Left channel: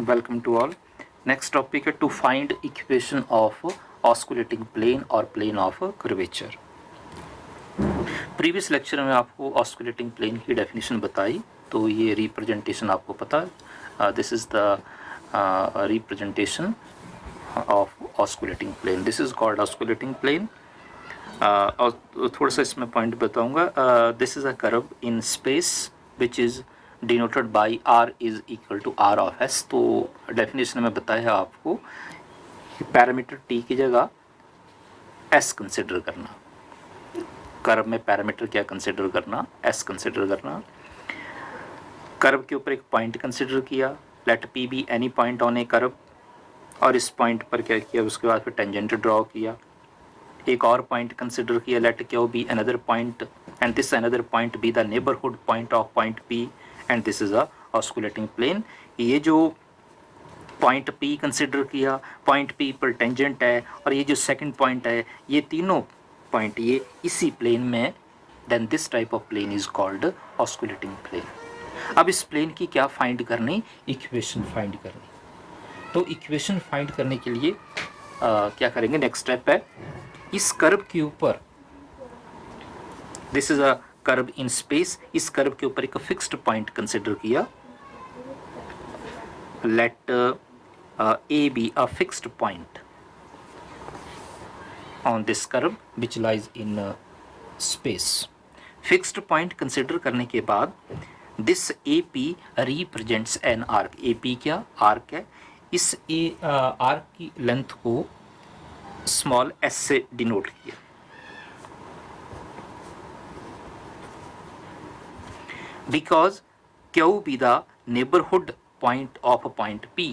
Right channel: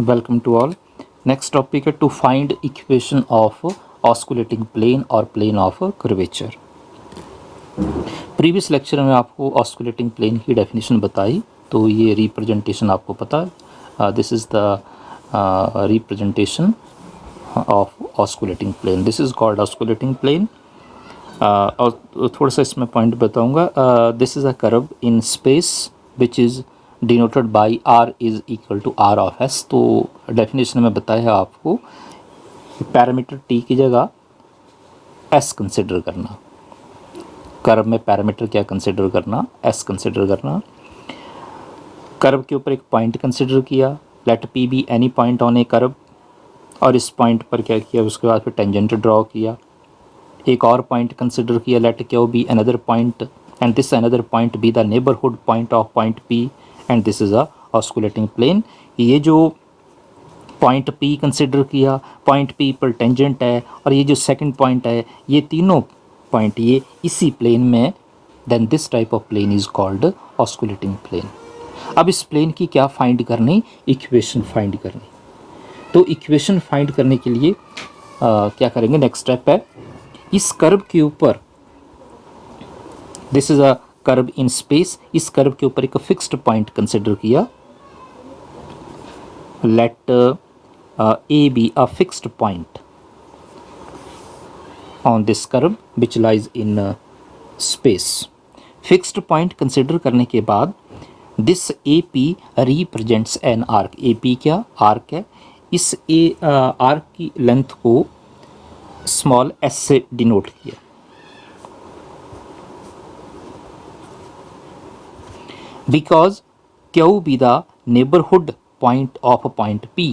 Welcome to all. Next topic है to find equation of osculating plane और plane of curvature. Previous lecture में आपको osculating plane की definition बताई, तो ये रिप्रेजेंटेशन आपको पता है। This is the representation of osculating plane. This is called osculating plane. और थोड़ा सा इसमें पॉइंट बताऊंगा। This is a curve in space which is denoted by R is equal to R of S. तो definition में बताया आपको कि पैरामीटर टी की जगह एस कंसिडर करना। कर्व में पैरामीटर क्या कंसिडर करना? एस कंसिडर करना। कर्व के ऊपर एक पॉइंट कंसिडर किया, let P B any point on A curve, और इस पॉइंट पर क्या किया, उसके बाद फिर टेंजेंट ड्रॉ किया। एक और पॉइंट कंसिडर किया, let Q be another point and this another point be the neighbourhood point of point P and this is a osculating plane. ये जो पॉइंट पी कंसिडर किया, पॉइंट पी पर tangent है, और ये जो सेकंड पॉइंट है, ये तीनों पॉइंट ये इसी प्लेन में, then this type of plane is called osculating plane. अब इस प्लेन की क्या फाइंड करनी? इक्वेशन फाइंड करनी। तो इक्वेशन फाइंड करने के लिए क्या करेंगे? नेक्स्ट स्टेप है, इस कर्व के ऊपर, this is a curve in space, इस कर्व के ऊपर एक फिक्स्ड पॉइंट कंसिडर किया, let A be a fixed point on this curve which lies in space. Fixed point consider करने के बाद this A P represents an arc. A P क्या? Arc है। इस आर्क की लेंथ को स्मॉल एस से डिनोट किया। Because Q be the neighborhood point of a point P,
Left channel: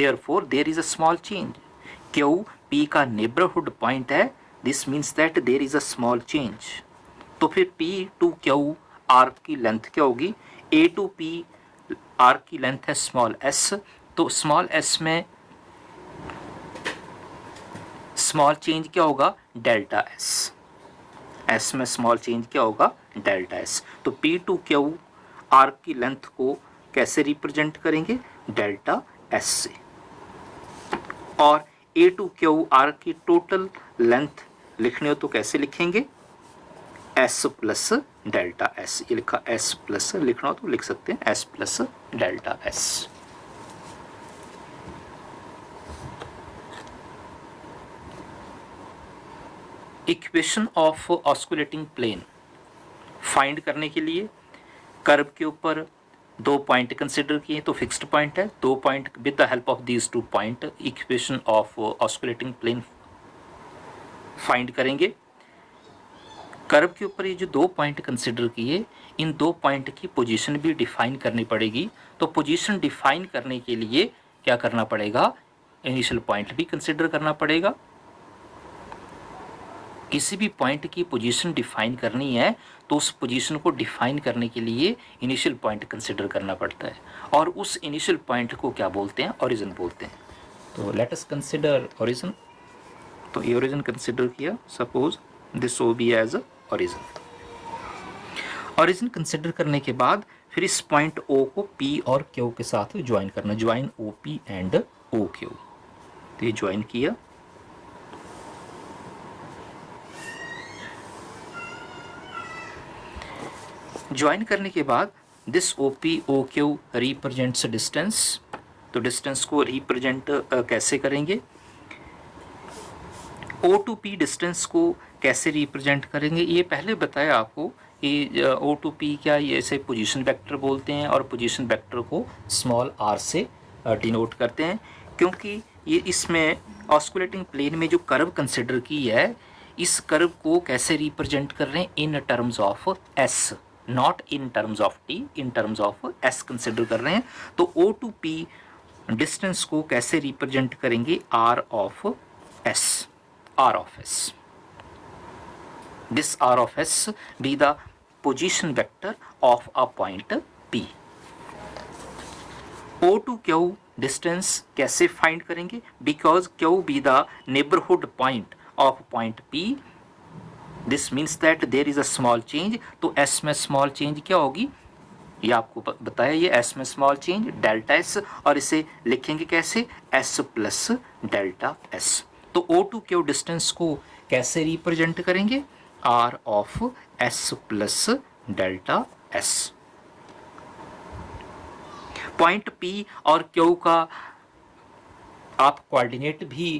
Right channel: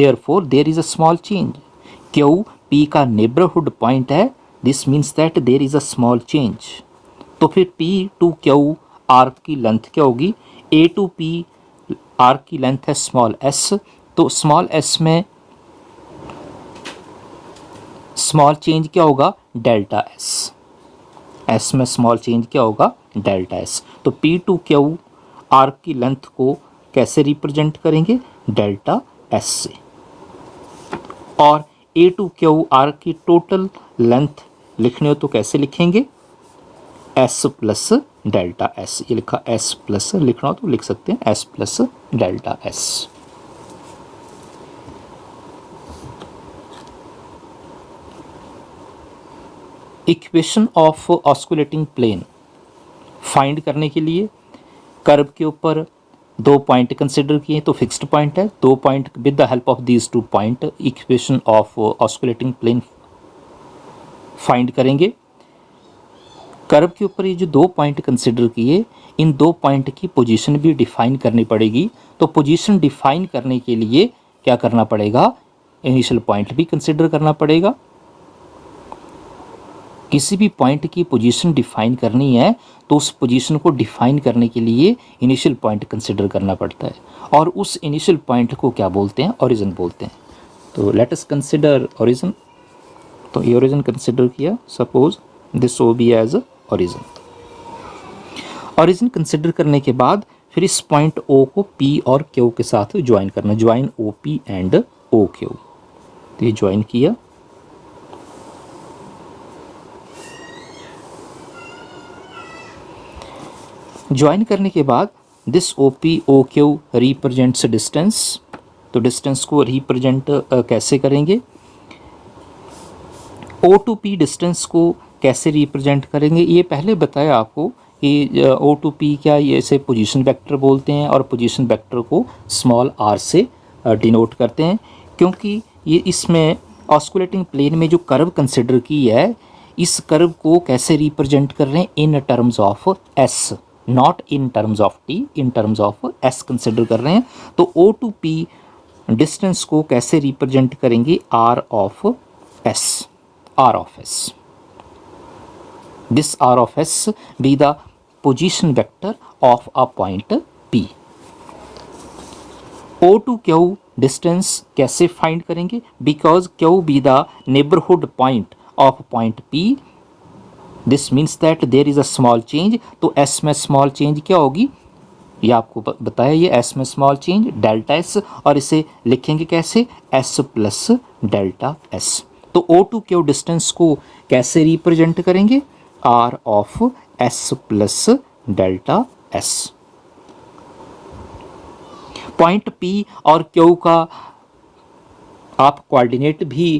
therefore there is a small change. Q P का neighborhood point है, this means that there is a small change. तो फिर P to Q arc की length क्या होगी? A to P arc की length है small s, तो स्मॉल s में स्मॉल चेंज क्या होगा? Delta s। एस में स्मॉल चेंज क्या होगा? Delta S. तो पी टू क्यू आर्क की लेंथ को कैसे रिप्रेजेंट करेंगे? डेल्टा एस से। और ए टू क्यू आर्क की टोटल लेंथ लिखने हो तो कैसे लिखेंगे? S plus delta S. ये लिखा एस प्लस, लिखना हो तो लिख सकते हैं S plus delta S. Equation of osculating plane find करने के लिए कर्व के ऊपर दो पॉइंट कंसिडर किए, तो फिक्स्ड पॉइंट है, दो point with the help of these two point equation of osculating plane find curve. कर्व के ऊपर ये जो दो पॉइंट कंसिडर किए, इन दो पॉइंट की पोजीशन भी डिफाइन करनी पड़ेगी। तो पोजीशन डिफाइन करने के लिए क्या करना पड़ेगा? इनिशियल पॉइंट भी कंसिडर करना पड़ेगा। किसी भी पॉइंट की पोजीशन डिफाइन करनी है तो उस पोजीशन को डिफाइन करने के लिए इनिशियल पॉइंट कंसिडर करना पड़ता है, और उस इनिशियल पॉइंट को क्या बोलते हैं? ओरिजिन बोलते हैं। तो लेट अस कंसिडर ओरिजिन। तो ये ओरिजिन कंसिडर किया, suppose this O be as origin. Origin consider करने के बाद फिर इस पॉइंट ओ को पी और क्यू के साथ ज्वाइन करना, join O P and O Q. तो ये ज्वाइन किया। ज्वाइन करने के बाद this O P O Q represents distance. तो डिस्टेंस को रिप्रेजेंट कैसे करेंगे? ओ टू पी डिस्टेंस को कैसे रिप्रेजेंट करेंगे? ये पहले बताया आपको कि ओ टू पी क्या, ये इसे पोजीशन वेक्टर बोलते हैं, और पोजीशन वेक्टर को स्मॉल आर से डिनोट करते हैं, क्योंकि ये इसमें ऑस्कुलेटिंग प्लेन में जो कर्व कंसिडर की है, इस कर्व को कैसे रिप्रेजेंट कर रहे हैं? इन terms of S, not in terms of T, in terms of S consider कर रहे हैं। तो ओ टू पी डिस्टेंस को कैसे रिप्रेजेंट करेंगे? R of S, R of S. This are of S be the position vector of a point P। O to Q distance कैसे find करेंगे? Because Q be the neighbourhood point of point P, this means that there is a small change. तो S में small change क्या होगी? ये आपको बताया, ये एस में स्मॉल चेंज डेल्टा एस, और इसे लिखेंगे कैसे, एस प्लस डेल्टा एस। तो O2Q डिस्टेंस को कैसे रिप्रेजेंट करेंगे, R of S plus delta S. Point P और Q का आप कोऑर्डिनेट भी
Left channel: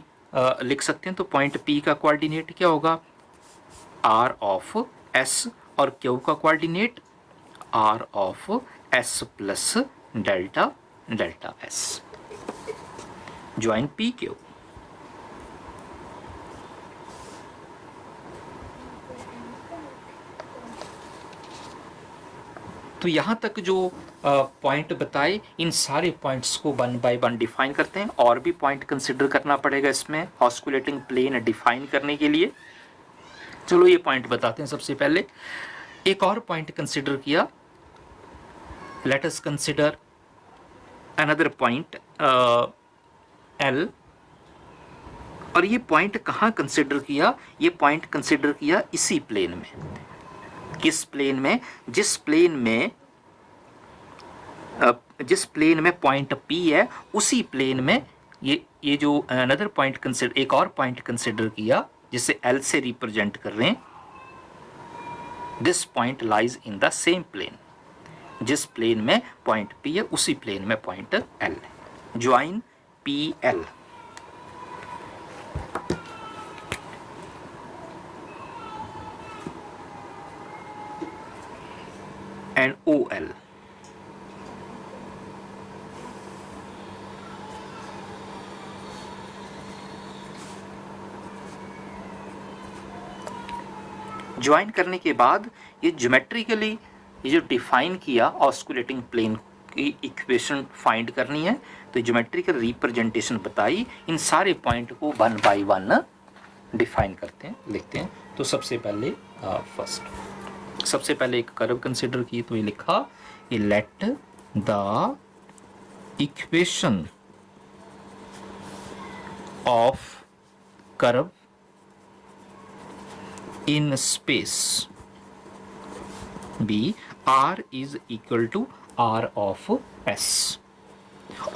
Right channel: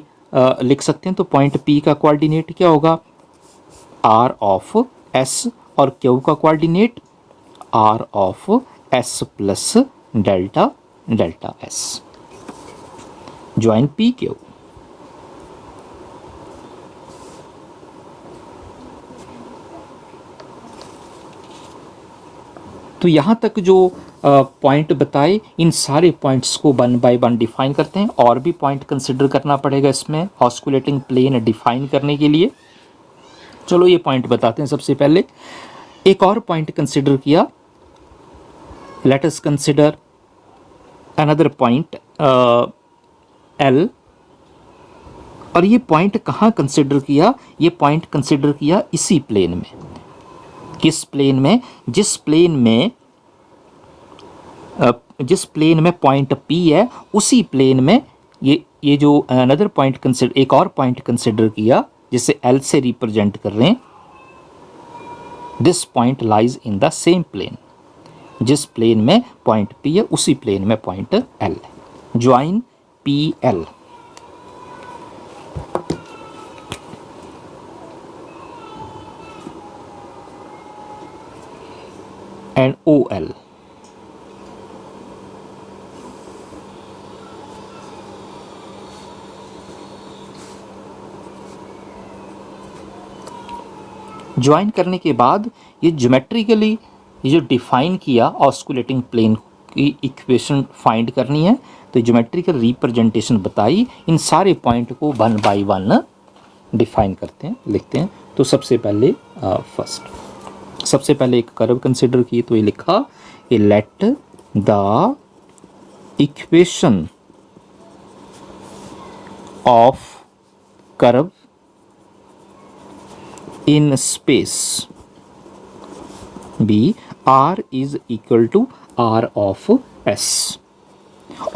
लिख सकते हैं। तो पॉइंट P का कोऑर्डिनेट क्या होगा, आर ऑफ एस, और Q का coordinate R of S plus delta delta S. Join PQ। तो यहाँ तक जो पॉइंट बताए, इन सारे पॉइंट्स को वन बाय वन डिफाइन करते हैं। और भी पॉइंट कंसिडर करना पड़ेगा इसमें ऑस्कुलेटिंग प्लेन डिफाइन करने के लिए। चलो ये पॉइंट बताते हैं। सबसे पहले एक और पॉइंट कंसिडर किया, let us consider another point L। और ये पॉइंट कहाँ कंसिडर किया, ये पॉइंट कंसिडर किया इसी प्लेन में। किस प्लेन में, जिस प्लेन में पॉइंट P है, उसी प्लेन में ये जो अनदर पॉइंट कंसिडर, एक और पॉइंट कंसिडर किया जिसे L से रिप्रेजेंट कर रहे हैं। This point lies in the same plane. जिस प्लेन में पॉइंट P है, उसी प्लेन में पॉइंट L है। Join PL। and OL। Join करने के बाद ये ज्योमेट्रिकली ये जो डिफाइन किया ऑस्कुलेटिंग प्लेन की इक्वेशन फाइंड करनी है। तो ज्योमेट्रिकल रिप्रेजेंटेशन बताई, इन सारे पॉइंट को वन बाय वन डिफाइन करते हैं, लिखते हैं। तो सबसे पहले सबसे पहले एक कर्व कंसिडर की, तो ये लिखा a let the equation of curve in space be R is equal to R of S.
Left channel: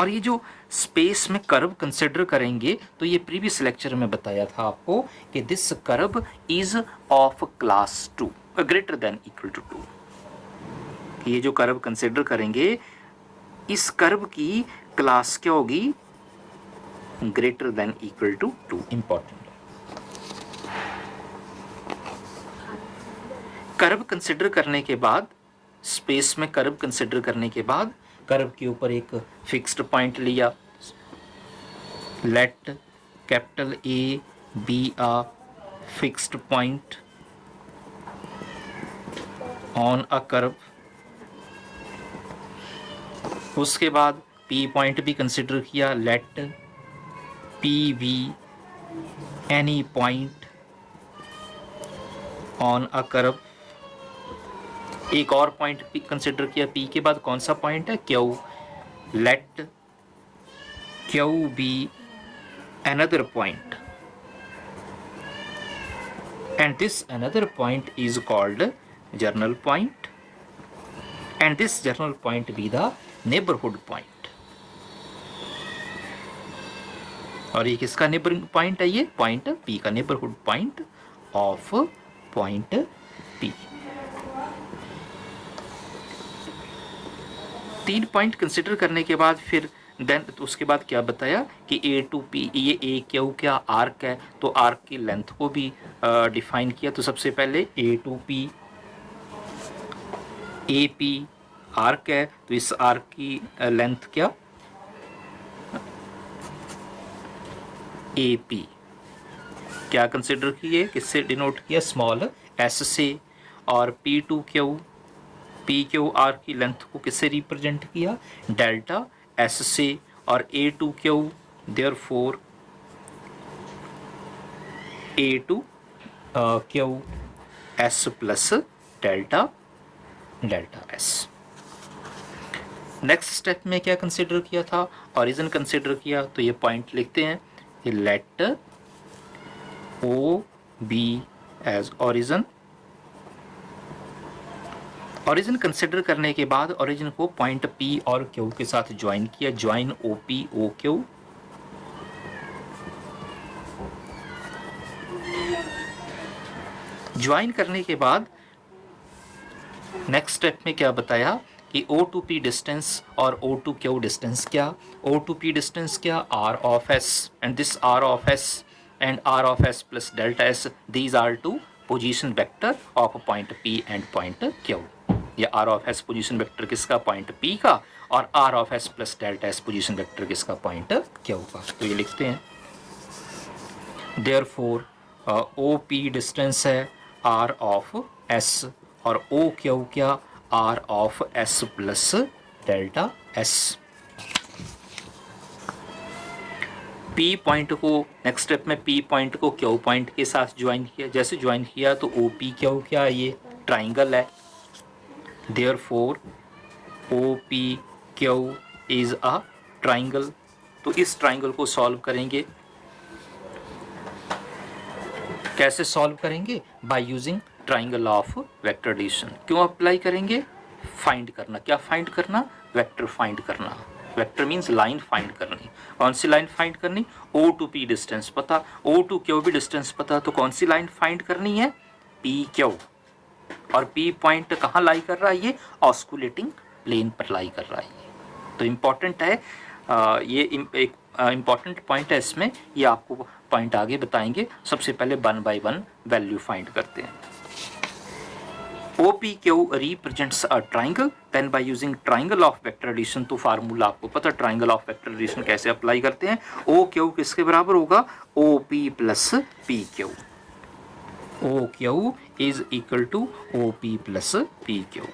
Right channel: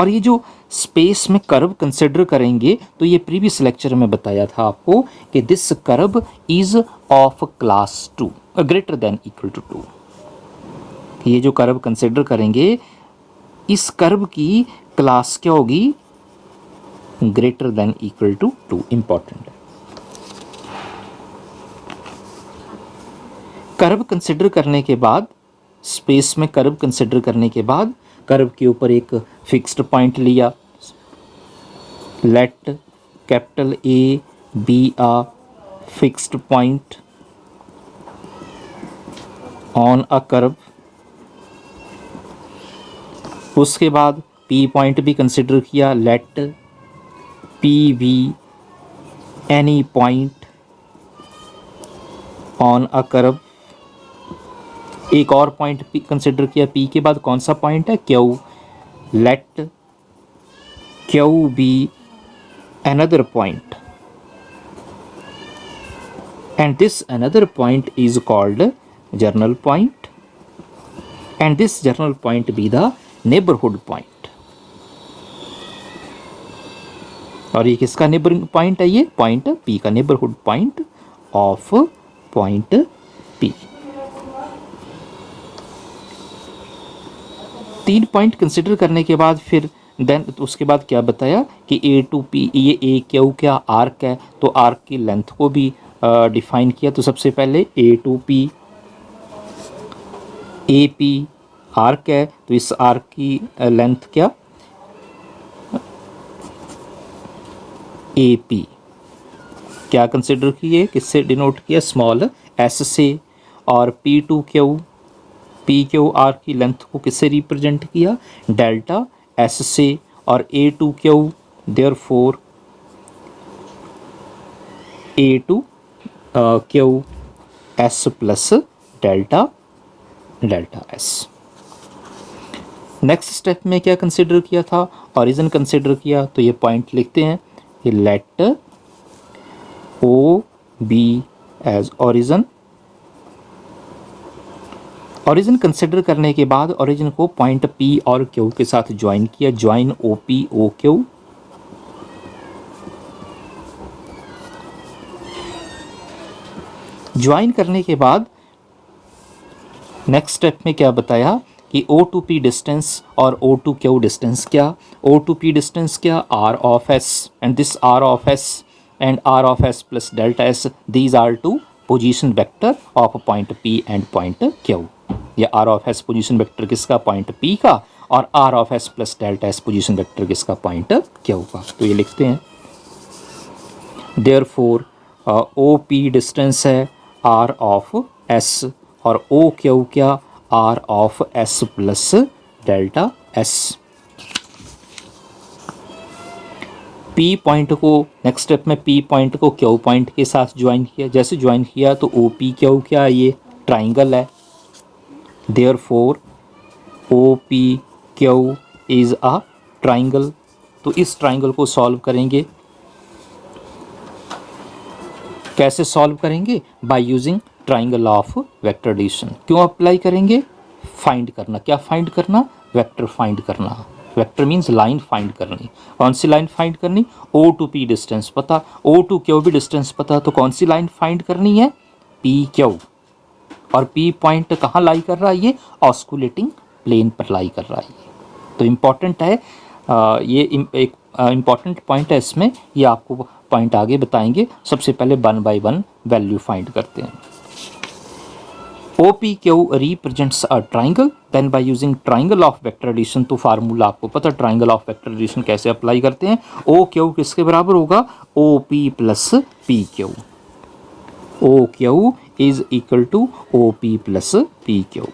और ये जो स्पेस में कर्व कंसिडर करेंगे, तो ये प्रीवियस लेक्चर में बताया था आपको कि this curve is of class 2 greater than equal to 2। ये जो कर्व कंसिडर करेंगे, इस कर्व की क्लास क्या होगी, greater than equal to 2। Important. Curve consider करने के बाद, स्पेस में कर्व कंसिडर करने के बाद, कर्व के ऊपर एक फिक्स्ड पॉइंट लिया। Let capital A be a fixed point on a curve. उसके बाद P पॉइंट भी कंसिडर किया। Let P be any point on a curve. एक और पॉइंट कंसिडर किया, P के बाद कौन सा पॉइंट है, Q। Let Q be another point and this another point is called journal point and this journal point be the neighborhood point। और ये किसका नेबरिंग पॉइंट है, ये पॉइंट P का neighbourhood point of point P। 3 point consider करने के बाद फिर देन उसके बाद क्या बताया कि A टू P, ये A क्यू क्या आर्क है, तो आर्क की लेंथ को भी डिफाइन किया। तो सबसे पहले A to P, AP arc है, तो इस आर्क की लेंथ क्या, AP। क्या कंसिडर किए, किससे डिनोट किया, स्मॉल s से। और P to Q, P Q R की लेंथ को किससे रिप्रेजेंट किया, डेल्टा एस से। और A to Q, therefore A to Q S plus delta delta S. Next step में क्या कंसिडर किया था, ओरिजिन कंसिडर किया। तो ये पॉइंट लिखते हैं, ये let O be as origin origin consider करने के बाद ओरिजिन को पॉइंट P और Q के साथ ज्वाइन किया, ज्वाइन OP OQ। ज्वाइन करने के बाद नेक्स्ट स्टेप में क्या बताया कि O to P डिस्टेंस और O to Q डिस्टेंस क्या, O to P डिस्टेंस क्या, R of S and this R of S and R of S plus delta S, these are two position vector of point P and point Q। या R of S position vector किसका, point P का, और R of S plus delta S position vector किसका, point Q का। तो ये लिखते हैं therefore OP डिस्टेंस है R of S और OQ क्या, R of S plus delta S। P point को नेक्स्ट स्टेप में P पॉइंट को Q पॉइंट के साथ ज्वाइन किया, जैसे ज्वाइन किया तो OPQ क्या, ये ट्राइंगल है, therefore OPQ is a triangle। तो इस ट्राइंगल को सॉल्व करेंगे, कैसे सॉल्व करेंगे, by using triangle of vector addition. क्यों अप्लाई करेंगे, फाइंड करना, क्या फाइंड करना, वेक्टर फाइंड करना। वेक्टर मीन्स लाइन फाइंड करनी। कौन सी लाइन फाइंड करनी, O to P डिस्टेंस पता, O to Q भी डिस्टेंस पता, तो कौन सी लाइन फाइंड करनी है, PQ। और P पॉइंट कहाँ लाई कर रहा है, ये ऑस्कुलेटिंग प्लेन पर लाई कर रहा है। तो इम्पॉर्टेंट है, ये एक इम्पॉर्टेंट पॉइंट है इसमें, ये आपको पॉइंट आगे बताएंगे। सबसे पहले 1 by 1 वैल्यू फाइंड करते हैं। OPQ represents a triangle, then by using triangle of vector addition. तो फार्मूला आपको पता, ट्राइंगल ऑफ वेक्टर एडिशन कैसे अप्लाई करते हैं। OQ किसके बराबर होगा, OP plus PQ। OQ is equal to OP plus PQ।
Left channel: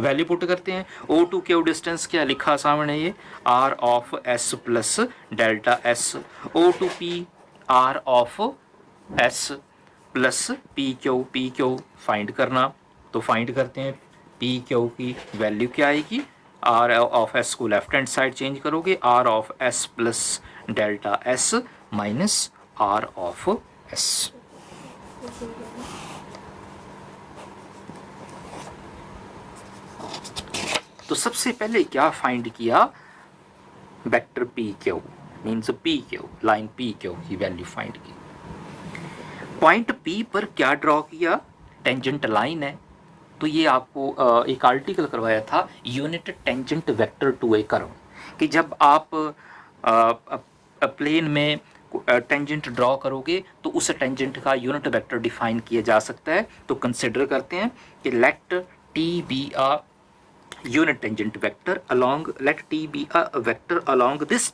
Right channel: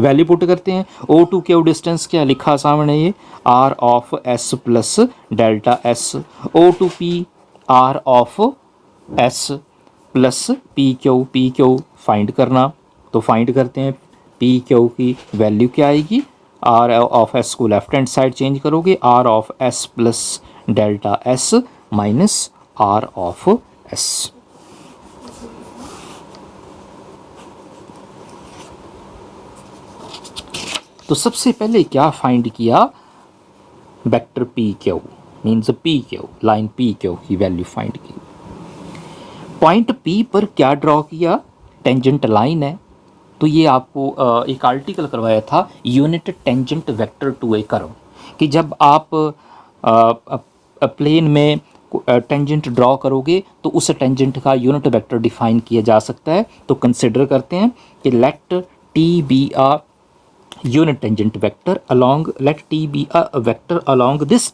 Value put करते हैं। O to Q डिस्टेंस क्या लिखा सामने, ये R of S plus delta S। O to P R of S plus PQ find करना। तो find करते हैं, PQ की वैल्यू क्या आएगी, R ऑफ S को लेफ्ट हैंड साइड चेंज करोगे, R of S plus delta S minus R of S। तो सबसे पहले क्या फाइंड किया, vector PQ means PQ, line PQ की वैल्यू फाइंड की। पॉइंट P पर क्या ड्रॉ किया, टेंजेंट लाइन है। तो ये आपको एक आर्टिकल करवाया था, unit tangent vector to a curve, कि जब आप प्लेन में टेंजेंट ड्रॉ करोगे तो उस टेंजेंट का यूनिट वेक्टर डिफाइन किया जा सकता है। तो कंसिडर करते हैं कि let T be a unit tangent vector along, let T be a vector along this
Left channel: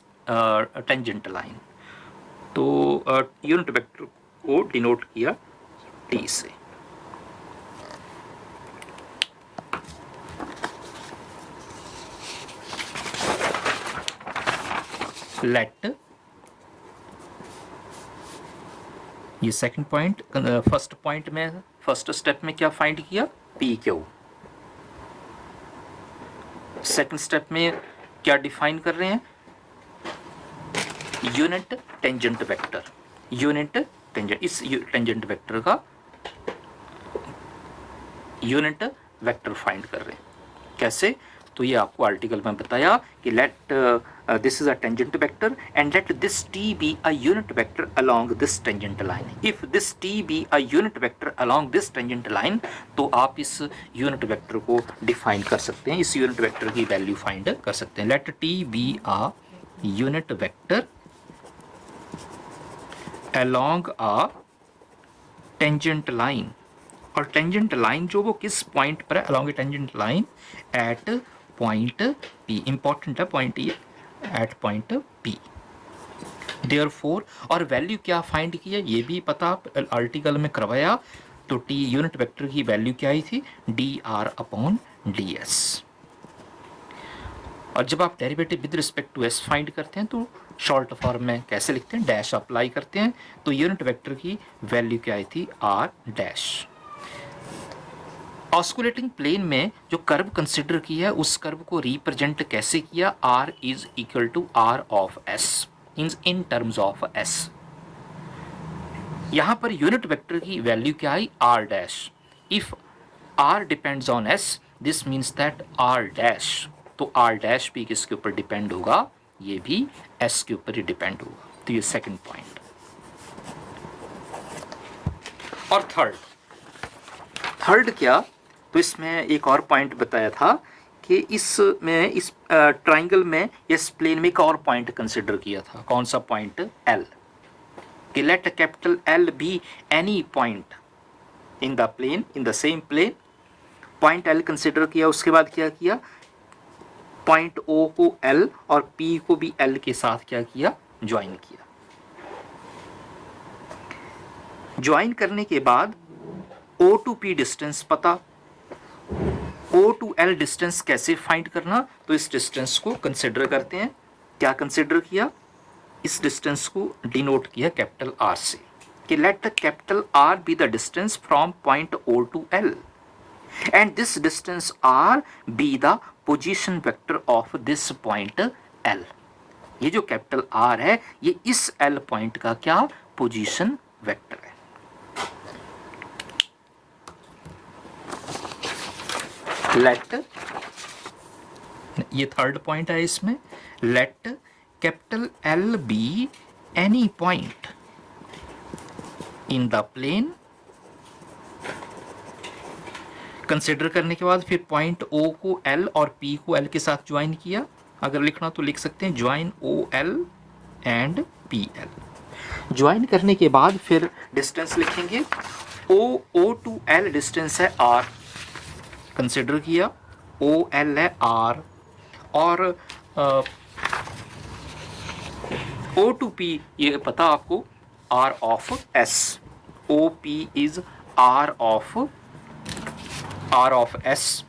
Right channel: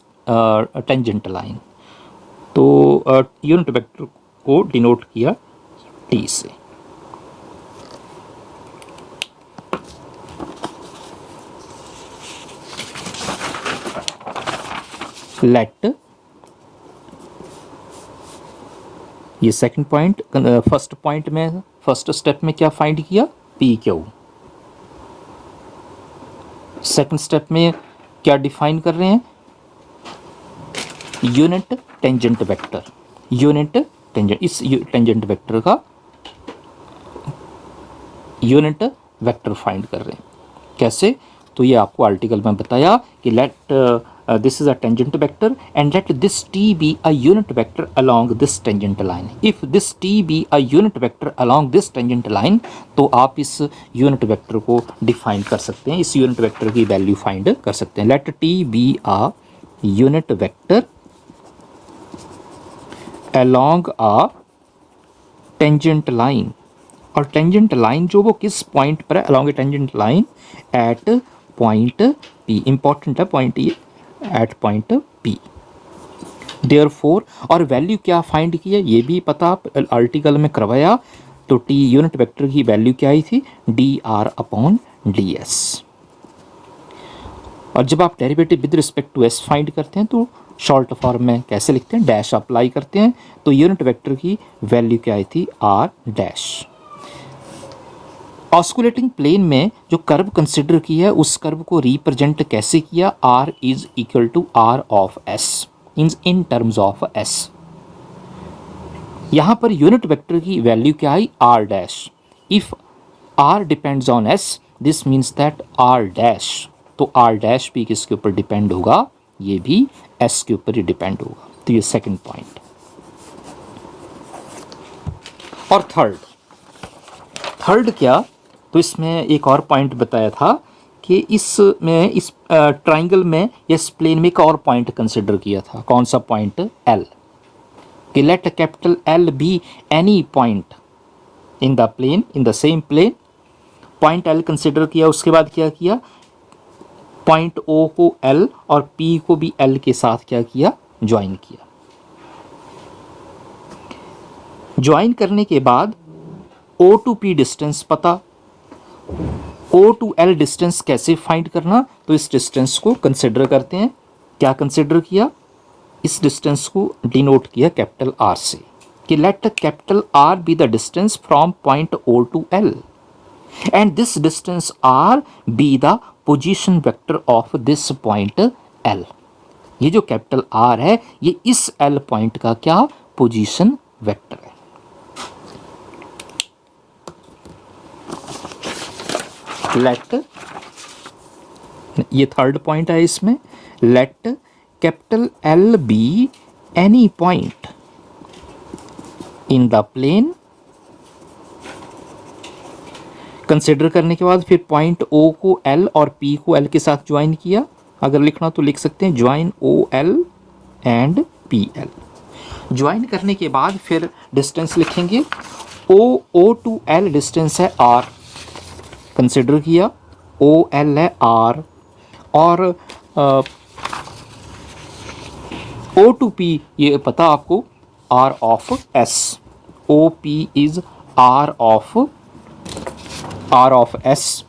tangent line। तो यूनिट वेक्टर को डिनोट किया T से। लेट, ये सेकंड पॉइंट, फर्स्ट पॉइंट में फर्स्ट स्टेप में क्या फाइंड किया, PQ। सेकंड स्टेप में क्या डिफाइन कर रहे हैं, unit tangent vector. Unit tangent, इस टेंजेंट वेक्टर का यूनिट वेक्टर फाइंड कर रहे हैं। कैसे, तो ये आपको आर्टिकल में बताया कि let this is a tangent vector and let this T be a unit vector along this tangent line. If this T be a unit vector along this tangent line, तो आप इस यूनिट वेक्टर को define कर सकते हैं, इस unit vector की value find कर सकते हैं। Let T be a unit vector along a tangent line, और टेंजेंट लाइन जो वो किस पॉइंट पर है, along a tangent line at point P। Important है पॉइंट ये, एट पॉइंट P। देयरफॉर, और वैल्यू क्या फाइंड की है ये भी पता, आर्टिकल में करवाया। तो T यूनिट वेक्टर की वैल्यू क्या आई थी, dr अपॉन ds। और जब आप derivative with respect to s find करते हैं तो शॉर्ट फॉर्म में कैसे लिखते हैं, डैश अप्लाई करते हैं। तो यूनिट वेक्टर की वैल्यू क्या आई थी, r डैश। ऑस्कुलेटिंग प्लेन में जो कर्व कंसिडर किया है उस कर्व को रिप्रेजेंट कैसे किया, r is equal to r of s in terms of s। यहां पर यूनिट वेक्टर की वैल्यू क्या आई, r dash. If r depends on s this means that R dash, तो आर डैश भी किसके ऊपर डिपेंड होगा, ये भी एस के ऊपर ही डिपेंड होगा। तो ये सेकंड पॉइंट। और थर्ड क्या, तो इसमें एक और पॉइंट बताया था कि इसमें इस ट्राइंगल में या इस प्लेन में एक और पॉइंट कंसिडर किया था। कौन सा पॉइंट, एल, कि let capital L be any point in the plane, in the same plane. Point L consider किया, उसके बाद क्या किया, पॉइंट ओ को एल और पी को भी एल के साथ क्या किया, ज्वाइन किया। ज्वाइन करने के बाद ओ टू पी डिस्टेंस पता, ओ टू एल डिस्टेंस कैसे फाइंड करना, तो इस डिस्टेंस को कंसिडर करते हैं। क्या कंसिडर किया, इस डिस्टेंस को डिनोट किया कैपिटल आर से, कि let capital R be the distance from point O to L and this distance R be the position vector of this point L. ये जो कैपिटल आर है ये इस एल पॉइंट का क्या, पोजीशन वेक्टर है। लेट, ये थर्ड पॉइंट है इसमें, let capital L be any point in the plane. Consider करने के बाद फिर पॉइंट ओ को एल और पी को एल के साथ ज्वाइन किया। अगर लिखना तो लिख सकते हैं join O L and P L. Join करने के बाद फिर डिस्टेंस लिखेंगे, ओ टू एल डिस्टेंस है आर, कंसिडर किया, ओ एल है आर, और ओ टू पी ये पता आपको, R of S, O P is R of S.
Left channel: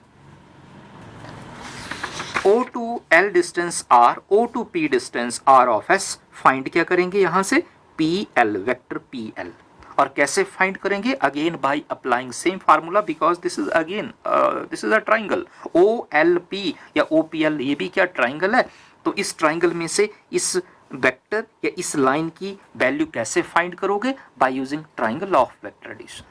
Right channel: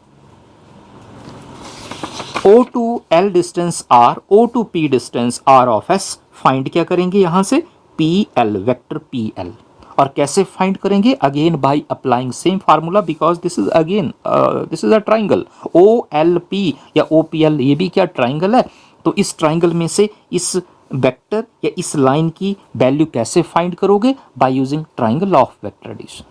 O to L distance R, O to P distance R of S. Find क्या करेंगे यहां से, P L, vector P L. और कैसे फाइंड करेंगे, again by applying same formula, because this is again this is a triangle, O L P या O P L, ये भी क्या ट्राइंगल है। तो इस ट्राइंगल में से इस वेक्टर या इस लाइन की वैल्यू कैसे फाइंड करोगे, by using triangle of vector addition.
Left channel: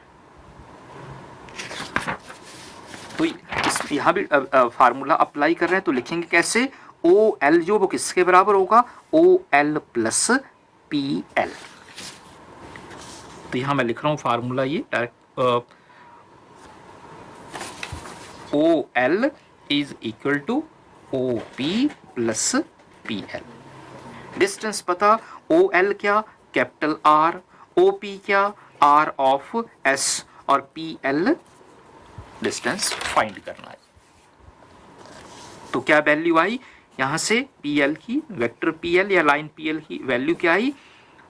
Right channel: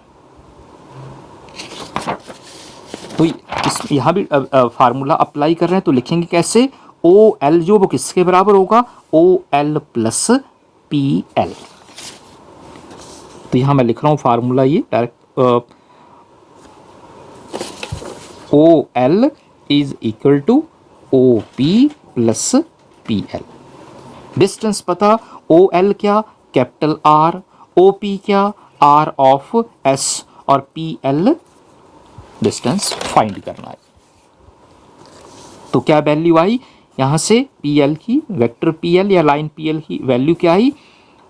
तो इस यहाँ भी फार्मूला अप्लाई कर रहे हैं, तो लिखेंगे कैसे, ओ एल जो वो किसके बराबर होगा, O L plus P L. तो यहाँ मैं लिख रहा हूँ फार्मूला ये direct, O L is equal to O P plus P L. Distance पता, ओ एल क्या, कैपिटल आर, ओ पी क्या, आर ऑफ एस, और पी एल डिस्टेंस फाइंड करना है। तो क्या वैल्यू आई यहां से, पी एल की, वेक्टर पी एल या लाइन पी एल की वैल्यू क्या आई,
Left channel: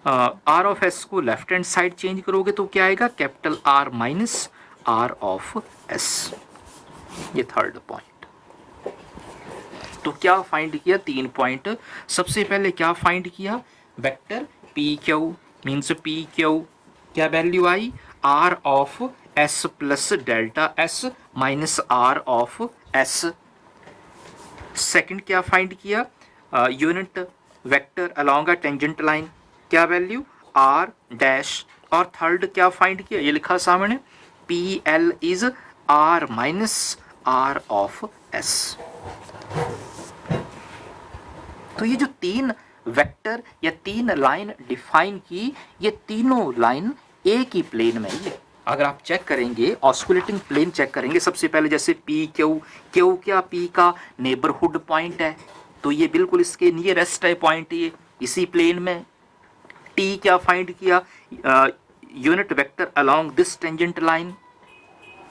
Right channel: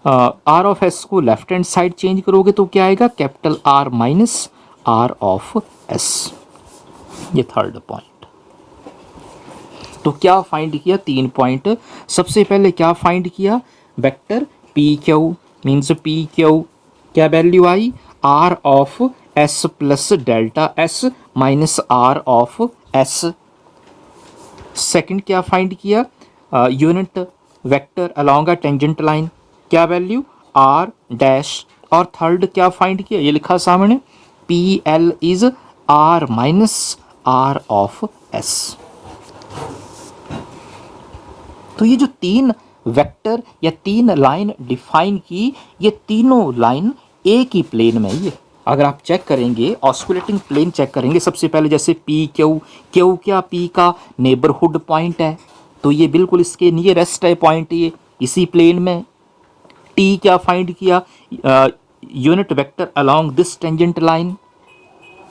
आर ऑफ एस को लेफ्ट हैंड साइड चेंज करोगे तो क्या आएगा, capital R minus are of S. ये थर्ड पॉइंट। तो क्या फाइंड किया, 3 पॉइंट। सबसे पहले क्या फाइंड किया, vector P Q means P Q, क्या वैल्यू आई, R of S plus delta S minus are of S. Second क्या फाइंड किया, unit vector along a tangent line, क्या वैल्यू, आर डैश। और थर्ड क्या फाइंड किया, ये लिखा सामने, P L is R minus are of S. तो ये जो 3 वेक्टर या 3 लाइन डिफाइन की, ये तीनों लाइन एक ही प्लेन में ही है। अगर आप चेक करेंगे, ऑस्कुलेटिंग प्लेन चेक करेंगे, सबसे पहले जैसे पी क्यू, क्यू क्या, पी का नेबरहुड पॉइंट है, तो ये बिल्कुल इसके नियरेस्ट है पॉइंट, ये इसी प्लेन में। टी क्या फाइंड किया, unit vector along this tangent line,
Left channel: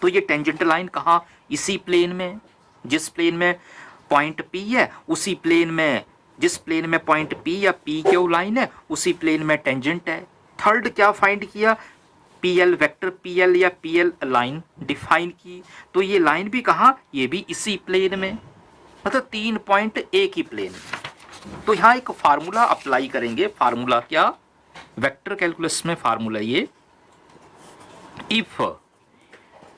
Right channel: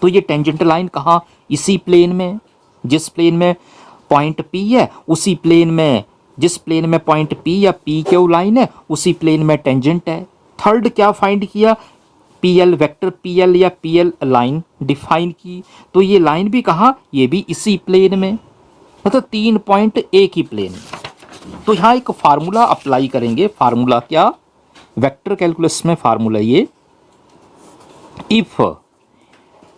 तो ये टेंजेंट लाइन कहाँ, इसी प्लेन में। जिस प्लेन में पॉइंट पी है उसी प्लेन में, जिस प्लेन में पॉइंट पी या पी क्यू लाइन है उसी प्लेन में टेंजेंट है। थर्ड क्या फाइंड किया, P L, vector P L या पी एल लाइन डिफाइन की, तो ये लाइन भी कहाँ, ये भी इसी प्लेन में, मतलब 3 पॉइंट एक ही प्लेन में। तो यहाँ एक फार्मूला अप्लाई करेंगे, फार्मूला क्या, वेक्टर कैलकुलस में फार्मूला ये, if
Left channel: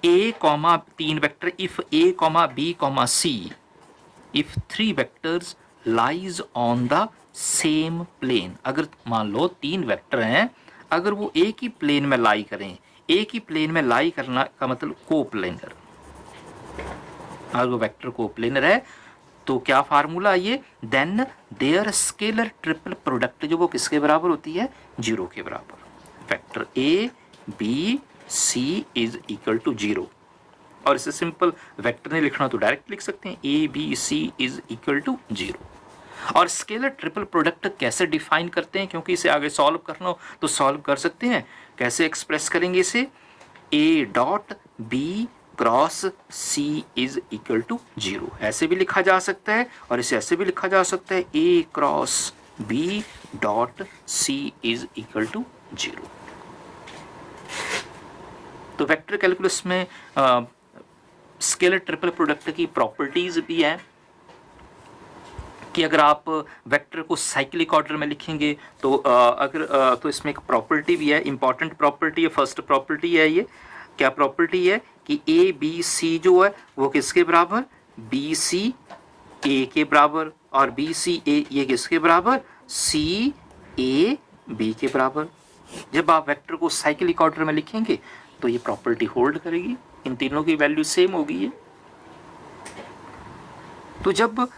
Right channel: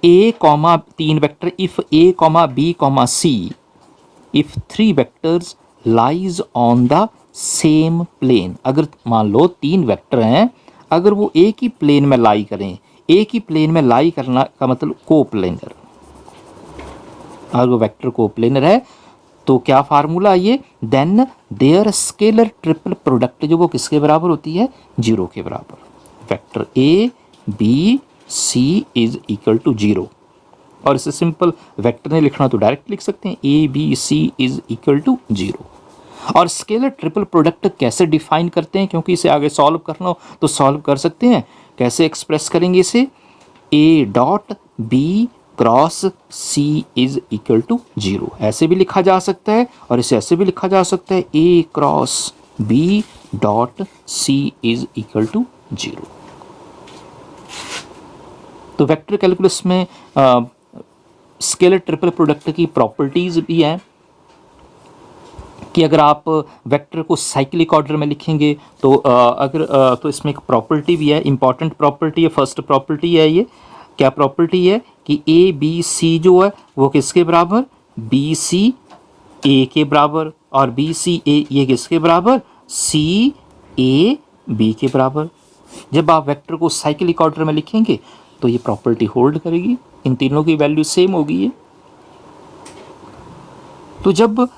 A comma 3 vector, if A comma B comma C, if 3 vectors lies on the same plane. अगर मान लो 3 वेक्टर हैं, अगर वो एक ही प्लेन में लाई करें, एक ही प्लेन में लाई करना का मतलब कोप्लेनर, अगर वो वेक्टर कोप्लेनर है तो क्या फार्मूला ये, then their scalar triple product जो वो किसके बराबर होती है, 0 के बराबर। Vector A B C is equal to 0, और इसे सिंपल वेक्टर ने लिखना तो डायरेक्ट लिख सकते हैं, A B C is equal to 0। और स्केलर ट्रिपल प्रोडक्ट कैसे डिफाइन करते हैं, क्योंकि इसे आगे सॉल्व करना हो तो सॉल्व कर सकते हैं। कैसे एक्सप्रेस करेंगे इसे, A dot B cross C is equal to 0, ऐसे भी लिखा जा सकता है, और इसे ऐसे भी लिखा जा सकता है, A cross B dot C is equal to 0। तो वेक्टर कैलकुलस में स्केलर ट्रिपल प्रोडक्ट की प्रॉपर्टीज भी हैं कि अगर आप वेक्टर को साइक्लिक ऑर्डर में लिखेंगे तो तो इसमें एक प्रॉपर्टी भी है, इंपॉर्टेंट प्रॉपर्टी है, फर्स्ट प्रॉपर्टी है ये। क्या प्रॉपर्टी है कि ए बी सी जो है वो किसके बराबर, बी सी ए के बराबर, और बी सी ए ये किसके बराबर, सी ए बी के बराबर। जब आप वेक्टर को साइक्लिक ऑर्डर में लिखेंगे तो ये प्रॉपर्टी होल्ड करेगी, इन तीनों की वैल्यू सेम होगी ये। तो जब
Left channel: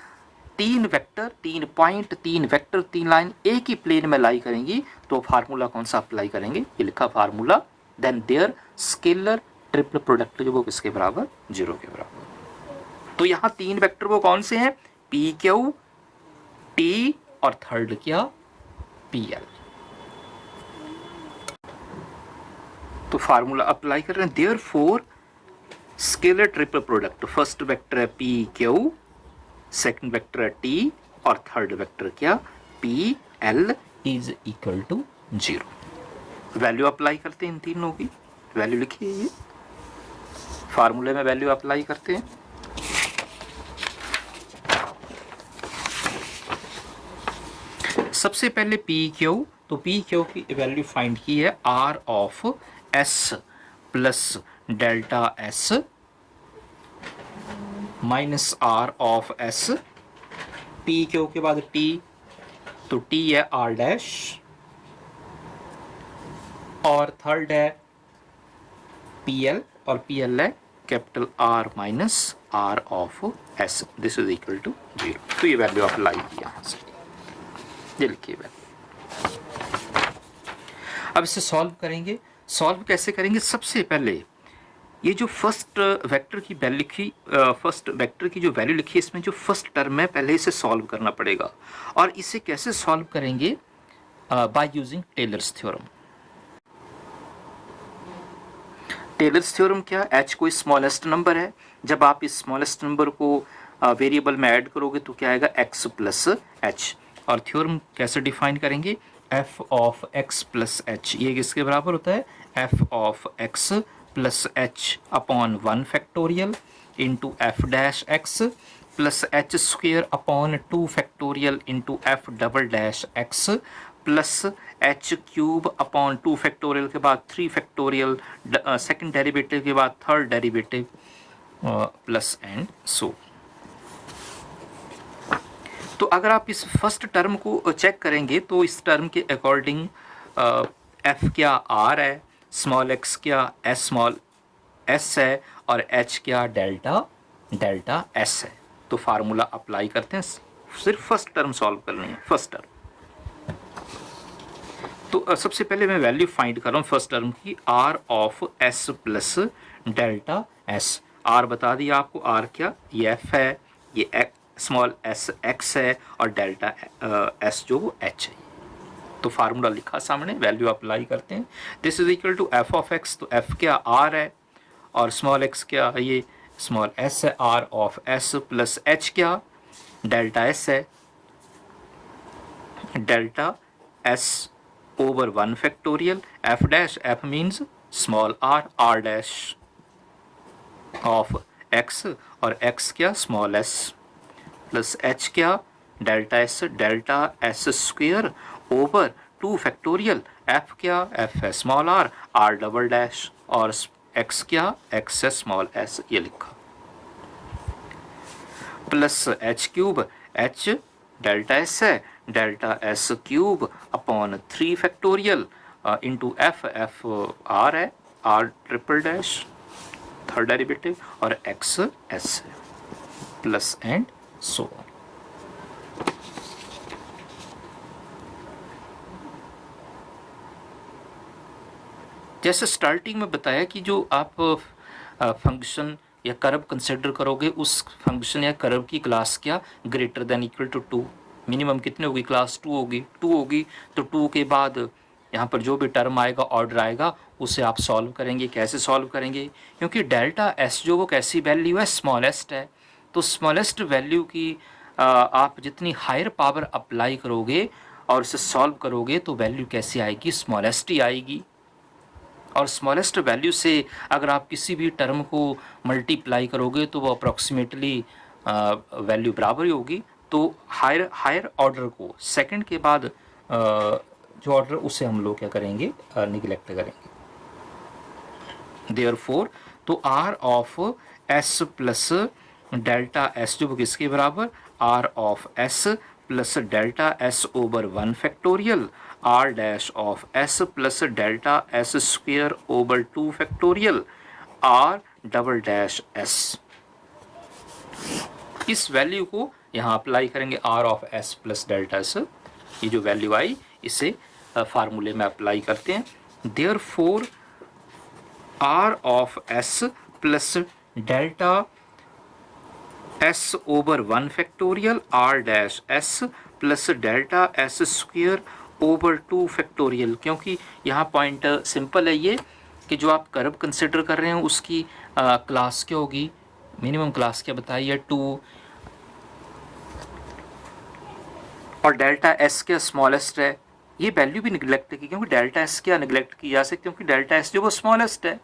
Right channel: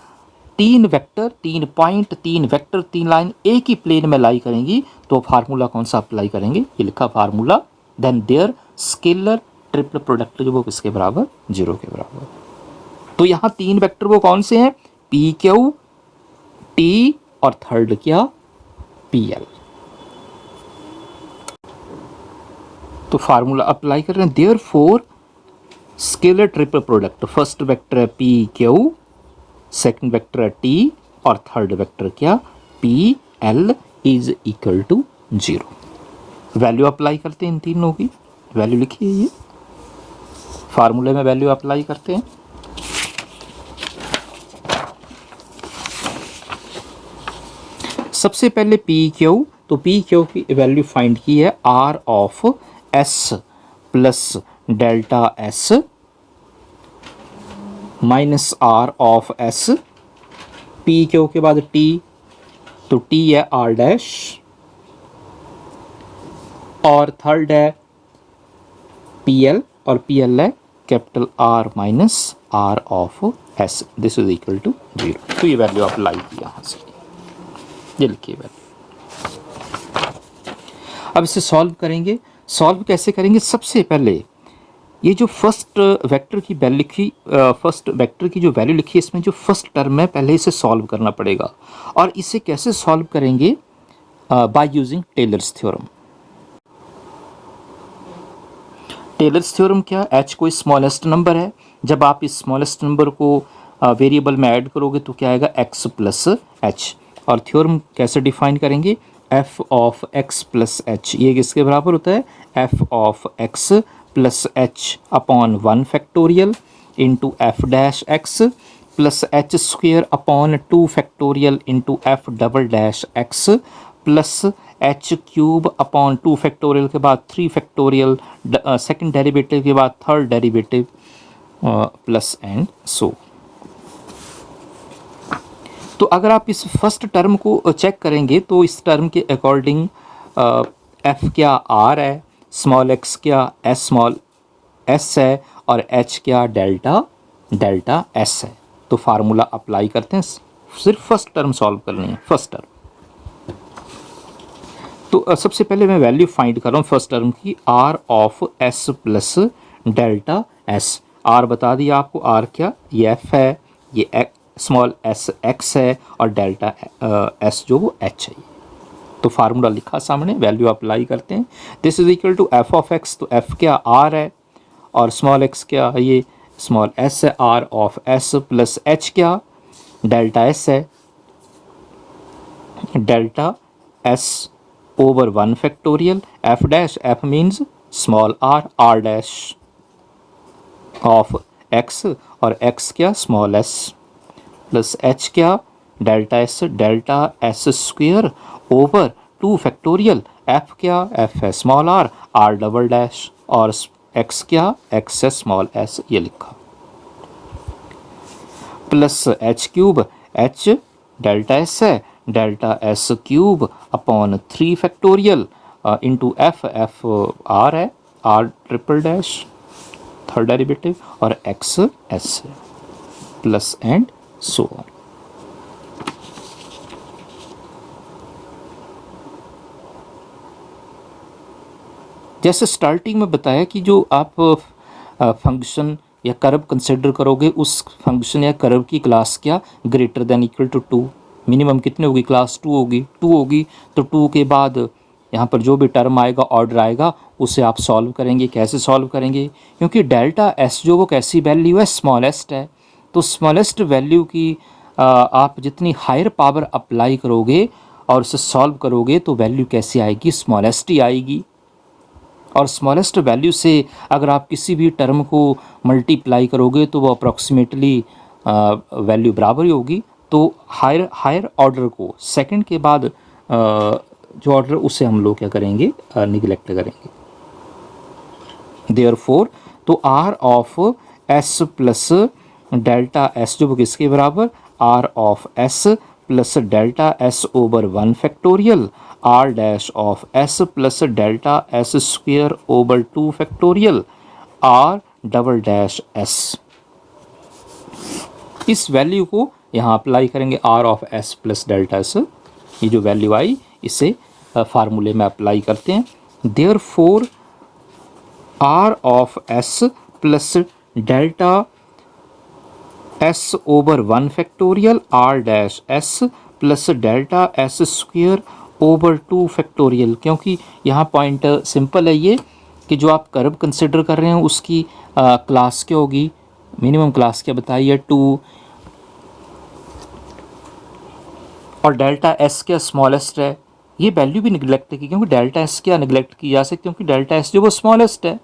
3 वेक्टर, 3 पॉइंट, 3 वेक्टर, 3 लाइन एक ही प्लेन में लाई करेंगी तो फार्मूला कौन सा अप्लाई करेंगे, ये लिखा formula, then their scalar triple product जो वो किसके बराबर, 0 के बराबर। तो यहाँ 3 वेक्टर वो कौन से हैं, पी क्यू टी और थर्ड क्या, पी एल। तो फार्मूला अप्लाई कर रहे हैं, therefore scalar triple product, first vector है पी क्यू, सेकंड वेक्टर है टी, और थर्ड वेक्टर क्या, P L is equal to 0। Value apply करते हैं, इन तीनों की वैल्यू लिखिए, ये फार्मूले में वैल्यू अप्लाई करते हैं। सबसे पहले पी क्यू, तो पी क्यू की वैल्यू फाइंड की है R of S plus delta S minus are of S, P Q के बाद टी, तो टी है आर डैश, और थर्ड है पी एल, और पी एल है capital R minus are of S, this is equal to 0। तो ये वैल्यू अप्लाई की यहाँ से, ये लिखिए वैल्यू। अब इसे सॉल्व करेंगे, सॉल्व कैसे करेंगे, सबसे पहले ये जो फर्स्ट वेक्टर की वैल्यू लिखी, फर्स्ट वेक्टर की जो वैल्यू लिखी है, इसमें जो फर्स्ट टर्म है पहले इसे सॉल्व करना पड़ेगा। और इसे कैसे सॉल्व करेंगे, by using Taylor's theorem. Taylor's theorem क्या, एच कोई स्मॉलेस्ट नंबर है, जब आप इस स्मॉलेस्ट नंबर को वेरिएबल में ऐड करोगे तो क्या आएगा, एक्स प्लस एच। और थ्योरम कैसे डिफाइन करेंगे, F of X plus H, ये किसके बराबर होता है, F of X plus H upon 1 factorial into F dash X plus H square upon 2 factorial into F double dash X plus H cube upon 2 factorial के बाद 3 factorial, second derivative के बाद third derivative, plus and सो। तो अगर आप इस first term को check करेंगे तो इस टर्म के अकॉर्डिंग एफ क्या आर है, स्मॉल एक्स क्या एस स्मॉल एस है, और एच क्या डेल्टा डेल्टा एस है। तो फार्मूला अप्लाई करते हैं, सिर्फ फर्स्ट टर्म सॉल्व करनी है, फर्स्ट टर्म। तो सबसे पहले मैं वैल्यू फाइंड कर रहा हूँ फर्स्ट टर्म की, R of S plus delta S. R बता दिया आपको, आर क्या, ये एफ है, ये स्मॉल एस एक्स है, और डेल्टा एस जो वो एच है। तो फार्मूला लिखा सामने, वैल्यू अप्लाई करते हैं, this is equal to F of X, तो एफ क्या आर है, और स्मॉल एक्स क्या है, ये स्मॉल एस है, R of S plus H क्या डेल्टा एस है, delta S over 1 factorial, F dash, F means small r, R dash of X, और एक्स क्या स्मॉल एस, प्लस एच क्या delta S square over 2 factorial, F क्या F है small r double dash, और X क्या X है small S, ये लिखा, plus H cube, H delta S है, delta S cube upon 3 factorial into F, F R है, R triple dash third derivative, और एक्स एस है। Plus and so on. जैसे स्टार्टिंग में बताया कि जो आप फंक्शन या कर्व कंसिडर करोगे उस फंक्शन या कर्व की क्लास क्या greater than equal to 2, minimum कितने होगी, क्लास 2 होगी। 2 होगी तो 2 के बाद यहाँ पर जो भी टर्म आएगा, ऑर्डर आएगा, उसे आप सॉल्व करेंगे। कैसे सॉल्व करेंगे, क्योंकि डेल्टा एस जो वो कैसी वैल्यू है, स्मॉलेस्ट है, तो स्मॉलेस्ट वैल्यू की आप जितनी हायर पावर अप्लाई करोगे और उसे सॉल्व करोगे तो वैल्यू कैसी आएगी, स्मॉलेस्ट ही आएगी। और स्मॉलेस्ट वैल्यू से अगर आप किसी भी टर्म को मल्टीप्लाई करोगे तो वो अप्रॉक्सीमेटली वैल्यू बराबर ही होगी। तो हायर ऑर्डर को सेकंड के बाद जो ऑर्डर उसे हम लोग क्या करेंगे, निगलेक्ट करेंगे। देयरफॉर तो R of S plus delta S जो किसके बराबर, R of S plus delta S over 1 factorial R dash of S plus delta S square over 2 factorial R double dash S. इस वैल्यू को यहाँ apply करेंगे, R of S plus delta S, ये जो value आई इसे फार्मूले में apply करते हैं। Therefore R of S plus delta S over 1 factorial R dash S plus delta S square over 2 factorial. क्योंकि यहाँ पॉइंट सिंपल है ये कि जो आप कर्व कंसिडर कर रहे हैं उसकी क्लास क्या होगी, मिनिमम क्लास क्या बताइए, 2, और डेल्टा एस क्या स्मॉलेस्ट है। ये वैल्यू भी निगलेक्ट की, क्योंकि डेल्टा एस क्या निगलेक्ट की जा सकती है, क्योंकि डेल्टा एस जो वो स्मॉलेस्ट है,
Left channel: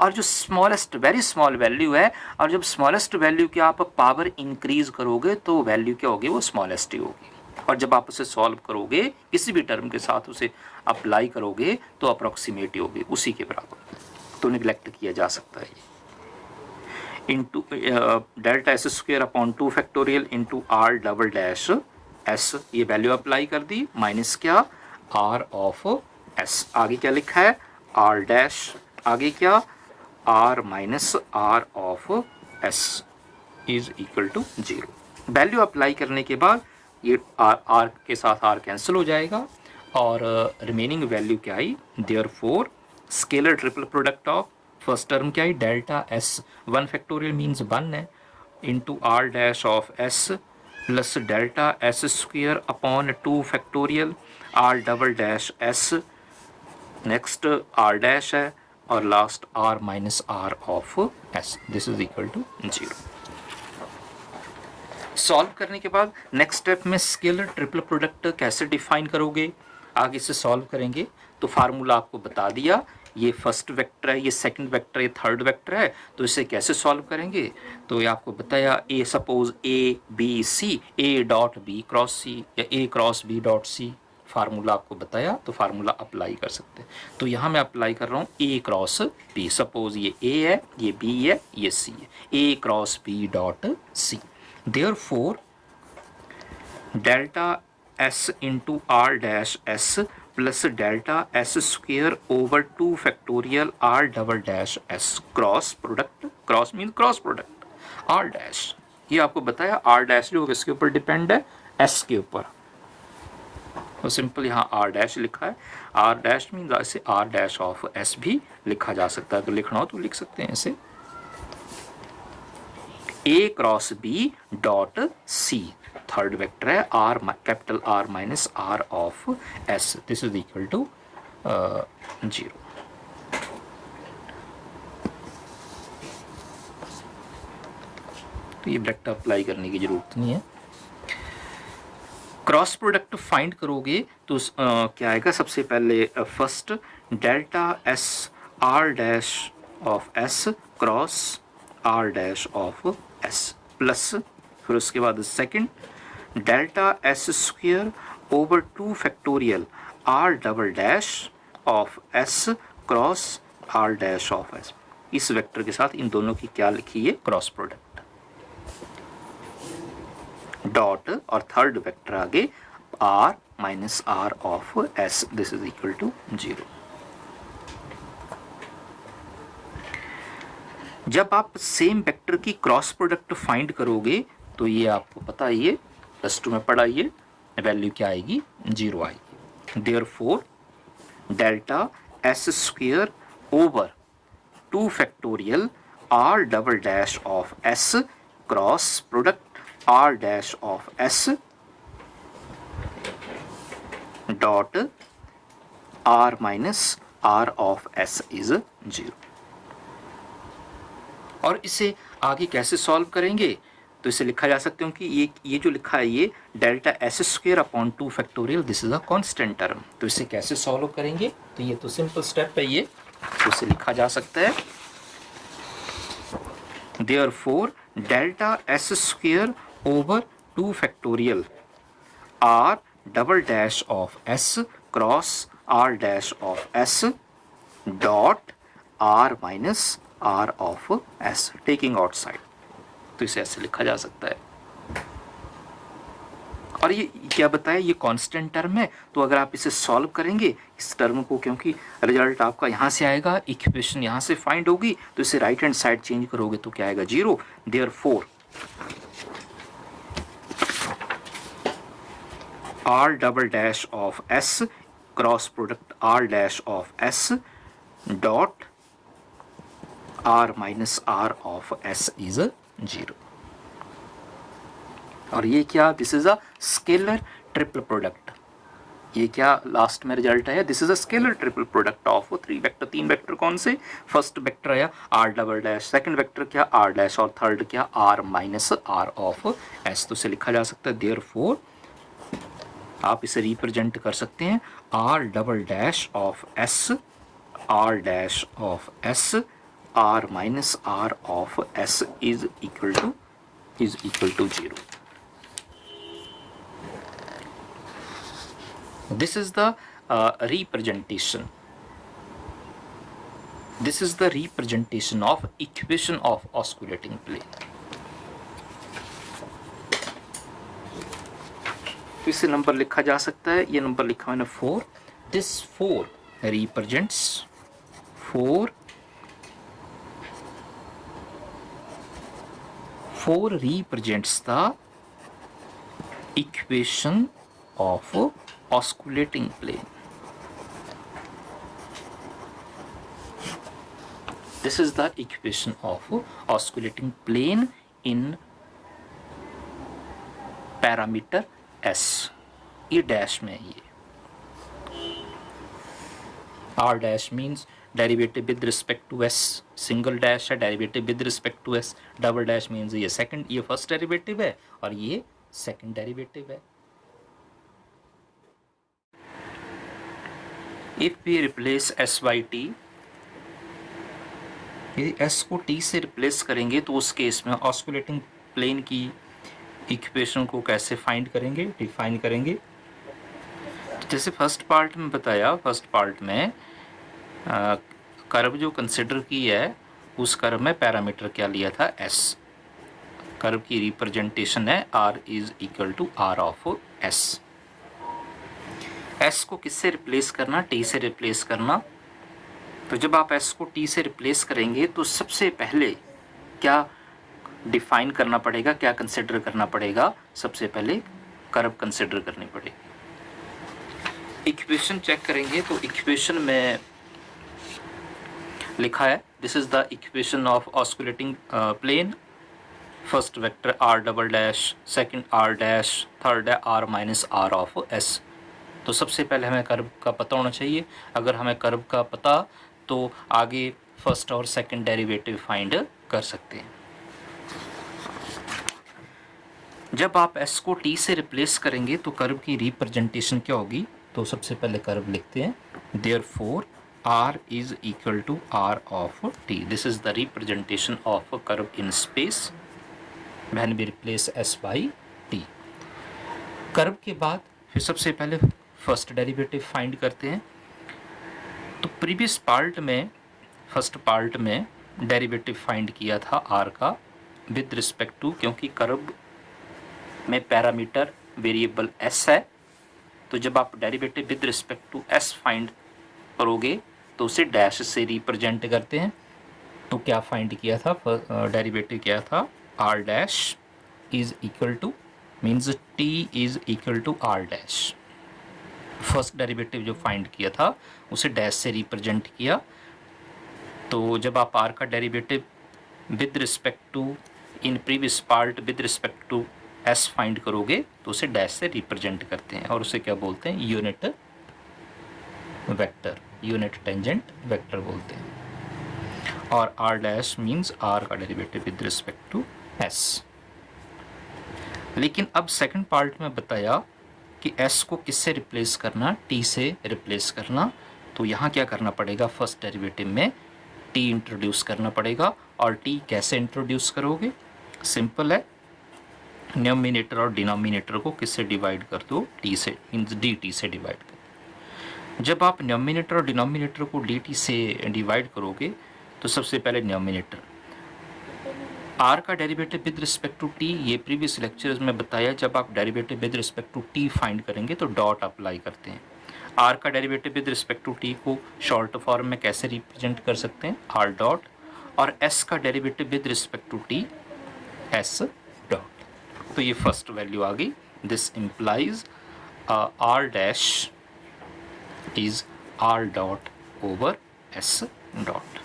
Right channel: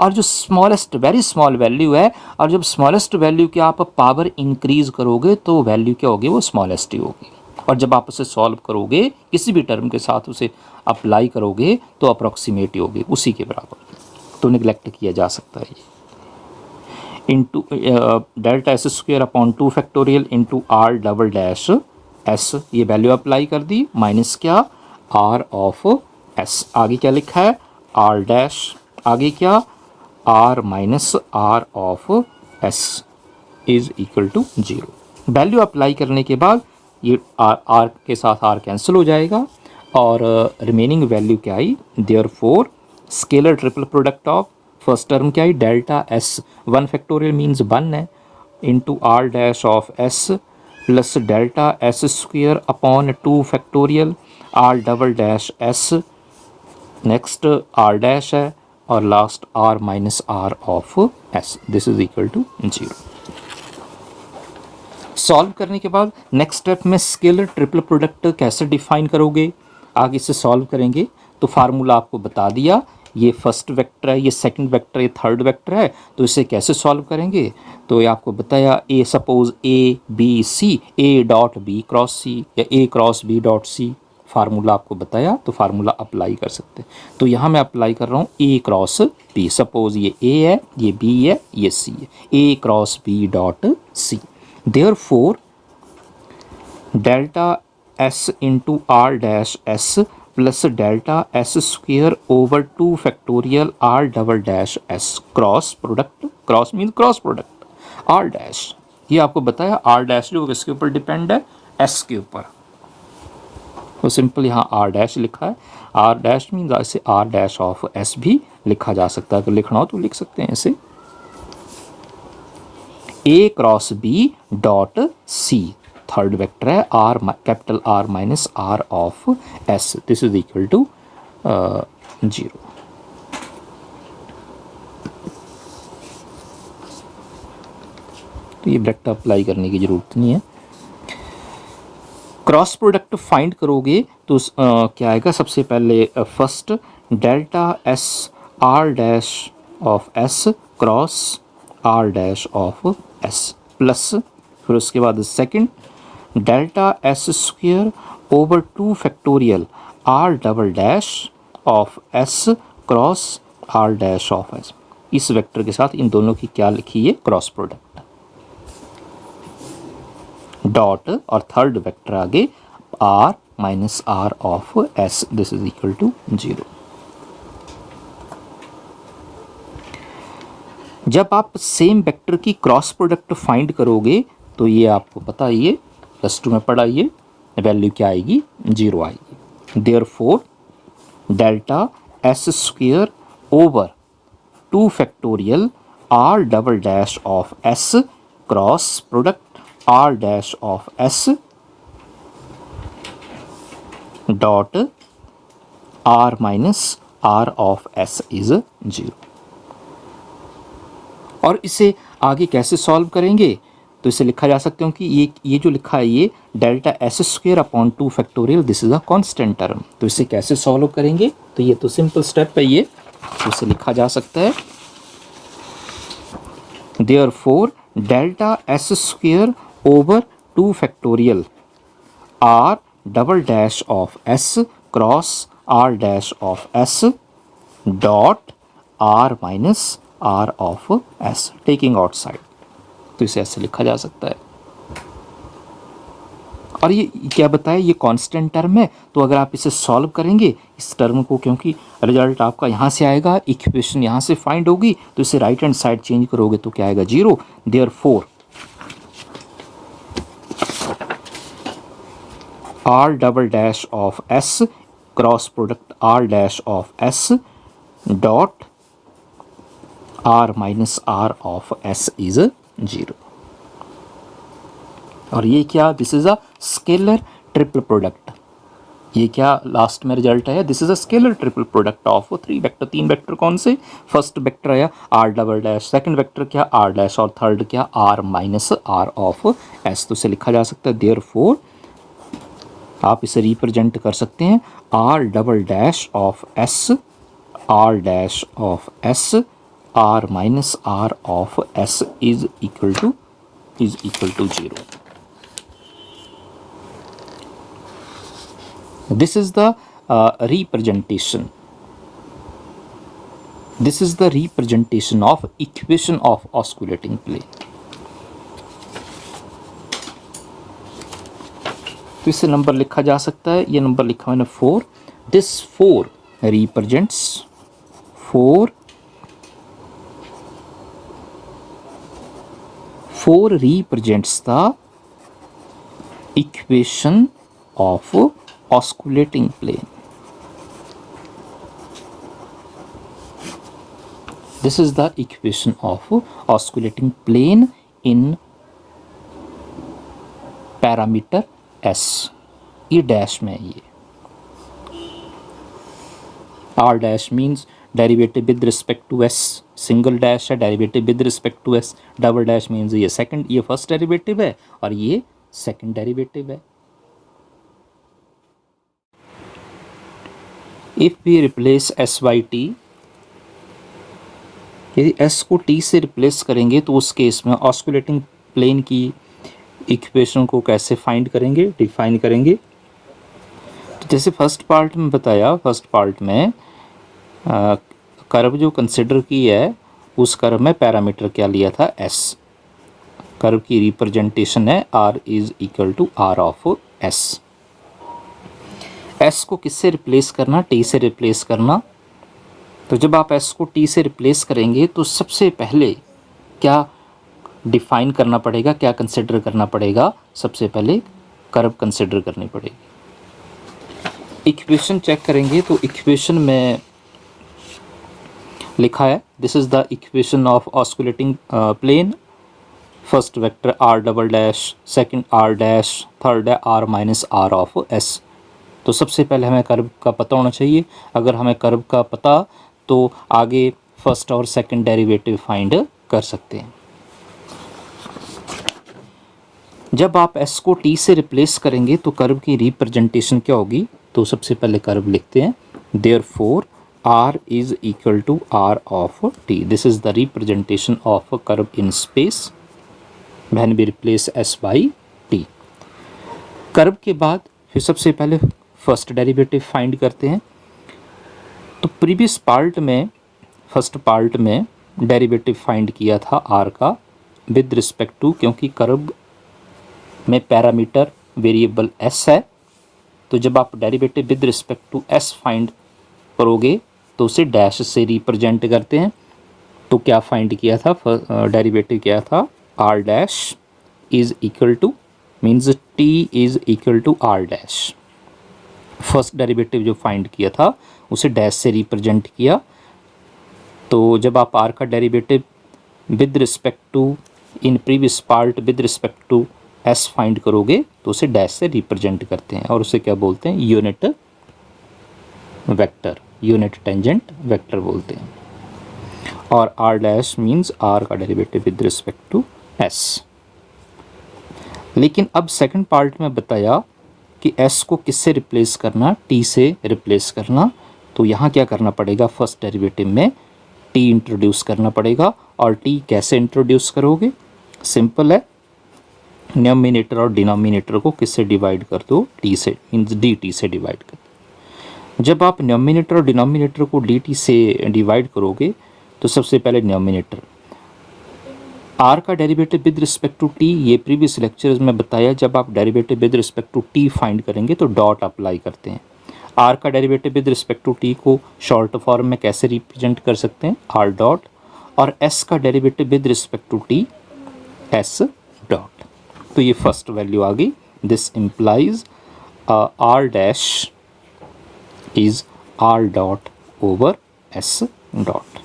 और जो स्मॉलेस्ट वेरी स्मॉल वैल्यू है, और जब स्मॉलेस्ट वैल्यू की आप पावर इंक्रीज करोगे तो वैल्यू क्या होगी, वो स्मॉलेस्ट ही होगी। और जब आप उसे सॉल्व करोगे किसी भी टर्म के साथ उसे अप्लाई करोगे तो अप्रॉक्सीमेट ही होगी, उसी के बराबर। तो निगलेक्ट किया जा सकता है ये। Into delta S square upon 2 factorial into are double dash S, ये वैल्यू अप्लाई कर दी, माइनस क्या, आर ऑफ एस, आगे क्या लिखा है, आर डैश, आगे क्या, are minus are of S is equal to 0। Value apply करने के बाद ये आर के साथ आर कैंसिल हो जाएगा और रिमेनिंग वैल्यू क्या आई, therefore scalar triple product of first term क्या आई, डेल्टा एस 1 फैक्टोरियल मीन्स 1 है, into R dash of S plus delta S square upon 2 factorial R double dash S, next R dash है और last R minus are of S, this is equal to 0। Solve करने के बाद next step में scalar triple product कैसे define करोगे, आगे से सॉल्व करेंगे। तो फार्मूला आपको बता दिया, ये फर्स्ट वेक्टर है, ये सेकंड वेक्टर है, ये थर्ड वेक्टर है, तो इसे कैसे सॉल्व करेंगे। तो ये आपको बताया, A suppose A B C, A dot B cross C या A cross B dot C, formula आपको बताया तो फार्मूला अप्लाई कर सकते हैं। तो यहाँ मैं अप्लाई कर रहा हूँ ए क्रॉस बी, सपोज ये ए है, ये बी है, ये सी है, A cross B dot C. Therefore, delta s into r dash s plus delta s square over 2 factorial r double dash s cross product, cross mean cross product, r dash, ये आपको बताया r dash जो किसके ऊपर depend है, s के ऊपर, तो सिंपल यहाँ r dash लिखा है, r dash मीन ऐसे r dash ऑफ s भी लिखा जा सकता है, तो लिखना हो तो लिख सकते हैं ऐसे, A cross B dot C, third vector है, R capital R minus are of S, this is equal to 0। तो ये वेक्टर अप्लाई करने की जरूरत नहीं है। क्रॉस प्रोडक्ट फाइंड करोगे तो क्या आएगा, सबसे पहले first delta S are dash of S cross R dash of S plus, फिर उसके बाद second delta S square over 2 factorial R double dash of S cross R dash of S. इस वेक्टर के साथ इन दोनों की क्या लिखी है, क्रॉस प्रोडक्ट, डॉट और थर्ड वेक्टर आगे R minus are of S, this is equal to 0। जब आप सेम वेक्टर की क्रॉस प्रोडक्ट फाइंड करोगे तो ये आपको पता है, ये +2 में पढ़ा, ये वैल्यू क्या आएगी, 0 आएगी। Therefore delta S square over 2 factorial r double dash of s cross product r dash of s dot r minus r of s is 0। और इसे आगे कैसे सॉल्व करेंगे, तो इसे लिखा जा सकते हो कि ये जो लिखा है, ये delta S square upon 2 factorial, this is a constant term. तो इसे कैसे सॉल्व करेंगे, तो ये तो सिंपल स्टेप है ये, तो इसे लिखा जा सकता है therefore delta S square over 2 factorial r double dash of s cross r dash of s dot r minus r of s taking outside. तो इसे ऐसे लिखा जा सकता है। और ये क्या बताया, ये कांस्टेंट टर्म है, तो अगर आप इसे सॉल्व करेंगे इस टर्म को, क्योंकि रिजल्ट आपका यहाँ से आएगा, इक्वेशन यहाँ से फाइंड होगी, तो इसे राइट हैंड साइड चेंज करोगे तो क्या आएगा, 0। Therefore r double dash of s cross product r dash of s dot r minus r of s is 0। और ये क्या, this is a scalar triple product. ये क्या लास्ट में रिजल्ट आया, this is a scalar triple product of 3 vector. 3 vector कौन से, first vector आया r double dash, second vector क्या r डैश, और थर्ड क्या r minus r of s। तो इसे लिखा जा सकता है देयरफॉर, आप इसे रिप्रेजेंट कर सकते हैं r double dash of s r dash of s r minus r of s is equal to 0। This is the representation. This is the representation of equation of osculating plane. तो इसे number लिखा जा सकता है, ये number लिखा मैंने 4। This 4 represents 4 represents the equation of osculating plane. This is the equation of osculating plane in parameter s, ये डैश में है ये। r dash means derivative with respect to s, single dash है derivative with respect to s, double dash means ये first derivative है और ये second derivative है। If we replace s by t, यदि s को t से रिप्लेस करेंगे तो उस केस में ऑस्कुलेटिंग प्लेन की इक्वेशन को कैसे फाइंड करेंगे, डिफाइन करेंगे। तो जैसे फर्स्ट पार्ट में बताया, फर्स्ट पार्ट में कर्व जो कंसिडर की है, उस कर्व में पैरामीटर क्या लिया था, s। कर्व की रिप्रेजेंटेशन है r is equal to r of s। s को किससे रिप्लेस करना, t से रिप्लेस करना। तो जब आप s को t से रिप्लेस करेंगे तो सबसे पहले क्या डिफाइन करना पड़ेगा, क्या कंसिडर करना पड़ेगा, सबसे पहले कर्व कंसिडर करनी पड़ेगी। इक्वेशन चेक करेंगे तो इक्वेशन में लिखा है, this is the equation of osculating plane, first vector r double dash, second r dash, third है r minus r of s। तो सबसे पहले हमें कर्व का पता होना चाहिए। अगर हमें कर्व का पता तो आगे फर्स्ट और सेकंड डेरिवेटिव फाइंड कर सकते हैं। जब आप s को t से रिप्लेस करेंगे तो कर्व की रिप्रेजेंटेशन क्या होगी, तो सबसे पहले कर्व लिखते हैं, therefore r is equal to r of t। This is the representation of a curve in space when we replace s by t। Curve के बाद फिर सबसे पहले फर्स्ट डेरिवेटिव फाइंड करते हैं। तो प्रीवियस पार्ट में, फर्स्ट पार्ट में डेरिवेटिव फाइंड किया था r का विद रिस्पेक्ट टू, क्योंकि कर्व में पैरामीटर वेरिएबल s है, तो जब आप derivative with respect to s find करोगे तो उसे डैश से रिप्रेजेंट करते हैं। तो क्या फाइंड किया था, डेरिवेटिव किया था r dash is equal to means t is equal to r dash. First derivative जो फाइंड किया था उसे डैश से रिप्रेजेंट किया, तो जब आप आर का derivative with respect to in previous part with respect to s find करोगे तो उसे डैश से रिप्रेजेंट करते हैं और उसे क्या बोलते हैं, unit vector, unit tangent vector बोलते हैं। और आर डैश मीन्स आर का derivative with respect to s. लेकिन अब सेकंड पार्ट में बताया कि एस को किससे रिप्लेस करना, टी से रिप्लेस करना। तो यहाँ क्या करना पड़ेगा, फर्स्ट डेरिवेटिव में टी इंट्रोड्यूस करना पड़ेगा। और टी कैसे इंट्रोड्यूस करोगे, सिंपल है, न्यूमरेटर और डिनोमिनेटर को किससे डिवाइड कर दो, टी से, मीन्स डी टी से डिवाइड कर दो। जब आप न्यूमरेटर और डिनोमिनेटर को डी टी से डिवाइड करोगे तो सबसे पहले न्यूमरेटर, आर का derivative with respect to t, ये प्रीवियस लेक्चर्स में बताया, जब आप derivative with respect to t find करेंगे तो डॉट अप्लाई करते हैं। आर का derivative with respect to t को शॉर्ट फॉर्म में कैसे रिप्रेजेंट कर सकते हैं, आर डॉट। और एस का derivative with respect to t, s dot. तो ये फर्स्ट वैल्यू आ गई, this implies r dash is are dot over S dot.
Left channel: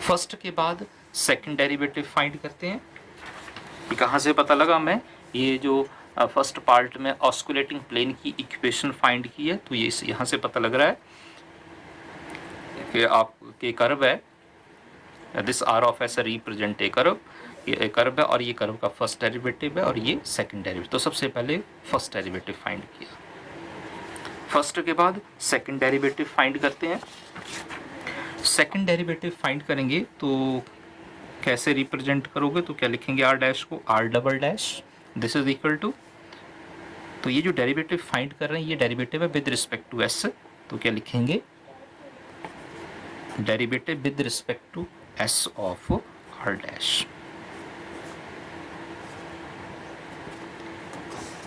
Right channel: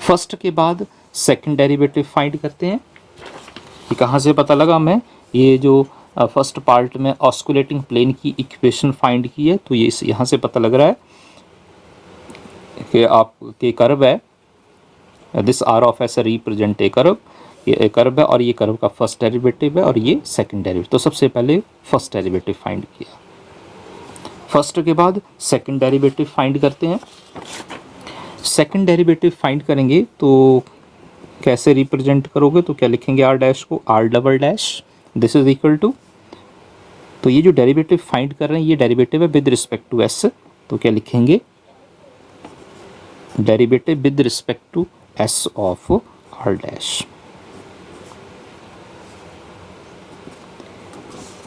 First के बाद सेकंड डेरिवेटिव फाइंड करते हैं। ये कहाँ से पता लगा, मैं ये जो फर्स्ट पार्ट में ऑस्कुलेटिंग प्लेन की इक्वेशन फाइंड की है, तो ये यहाँ से पता लग रहा है कि आपके कर्व है, this are of s represent a curve, ये कर्व है और ये कर्व का फर्स्ट डेरिवेटिव है और ये सेकंड डेरिवेटिव। तो सबसे पहले फर्स्ट डेरिवेटिव फाइंड किया, फर्स्ट के बाद सेकंड डेरिवेटिव फाइंड करते हैं। सेकंड डेरिवेटिव फाइंड करेंगे तो कैसे रिप्रेजेंट करोगे, तो क्या लिखेंगे, आर डैश को r double dash, this is equal to, तो ये जो डेरिवेटिव फाइंड कर रहे हैं ये डेरिवेटिव है विद रिस्पेक्ट टू एस, तो क्या लिखेंगे, derivative with respect to s of r dash.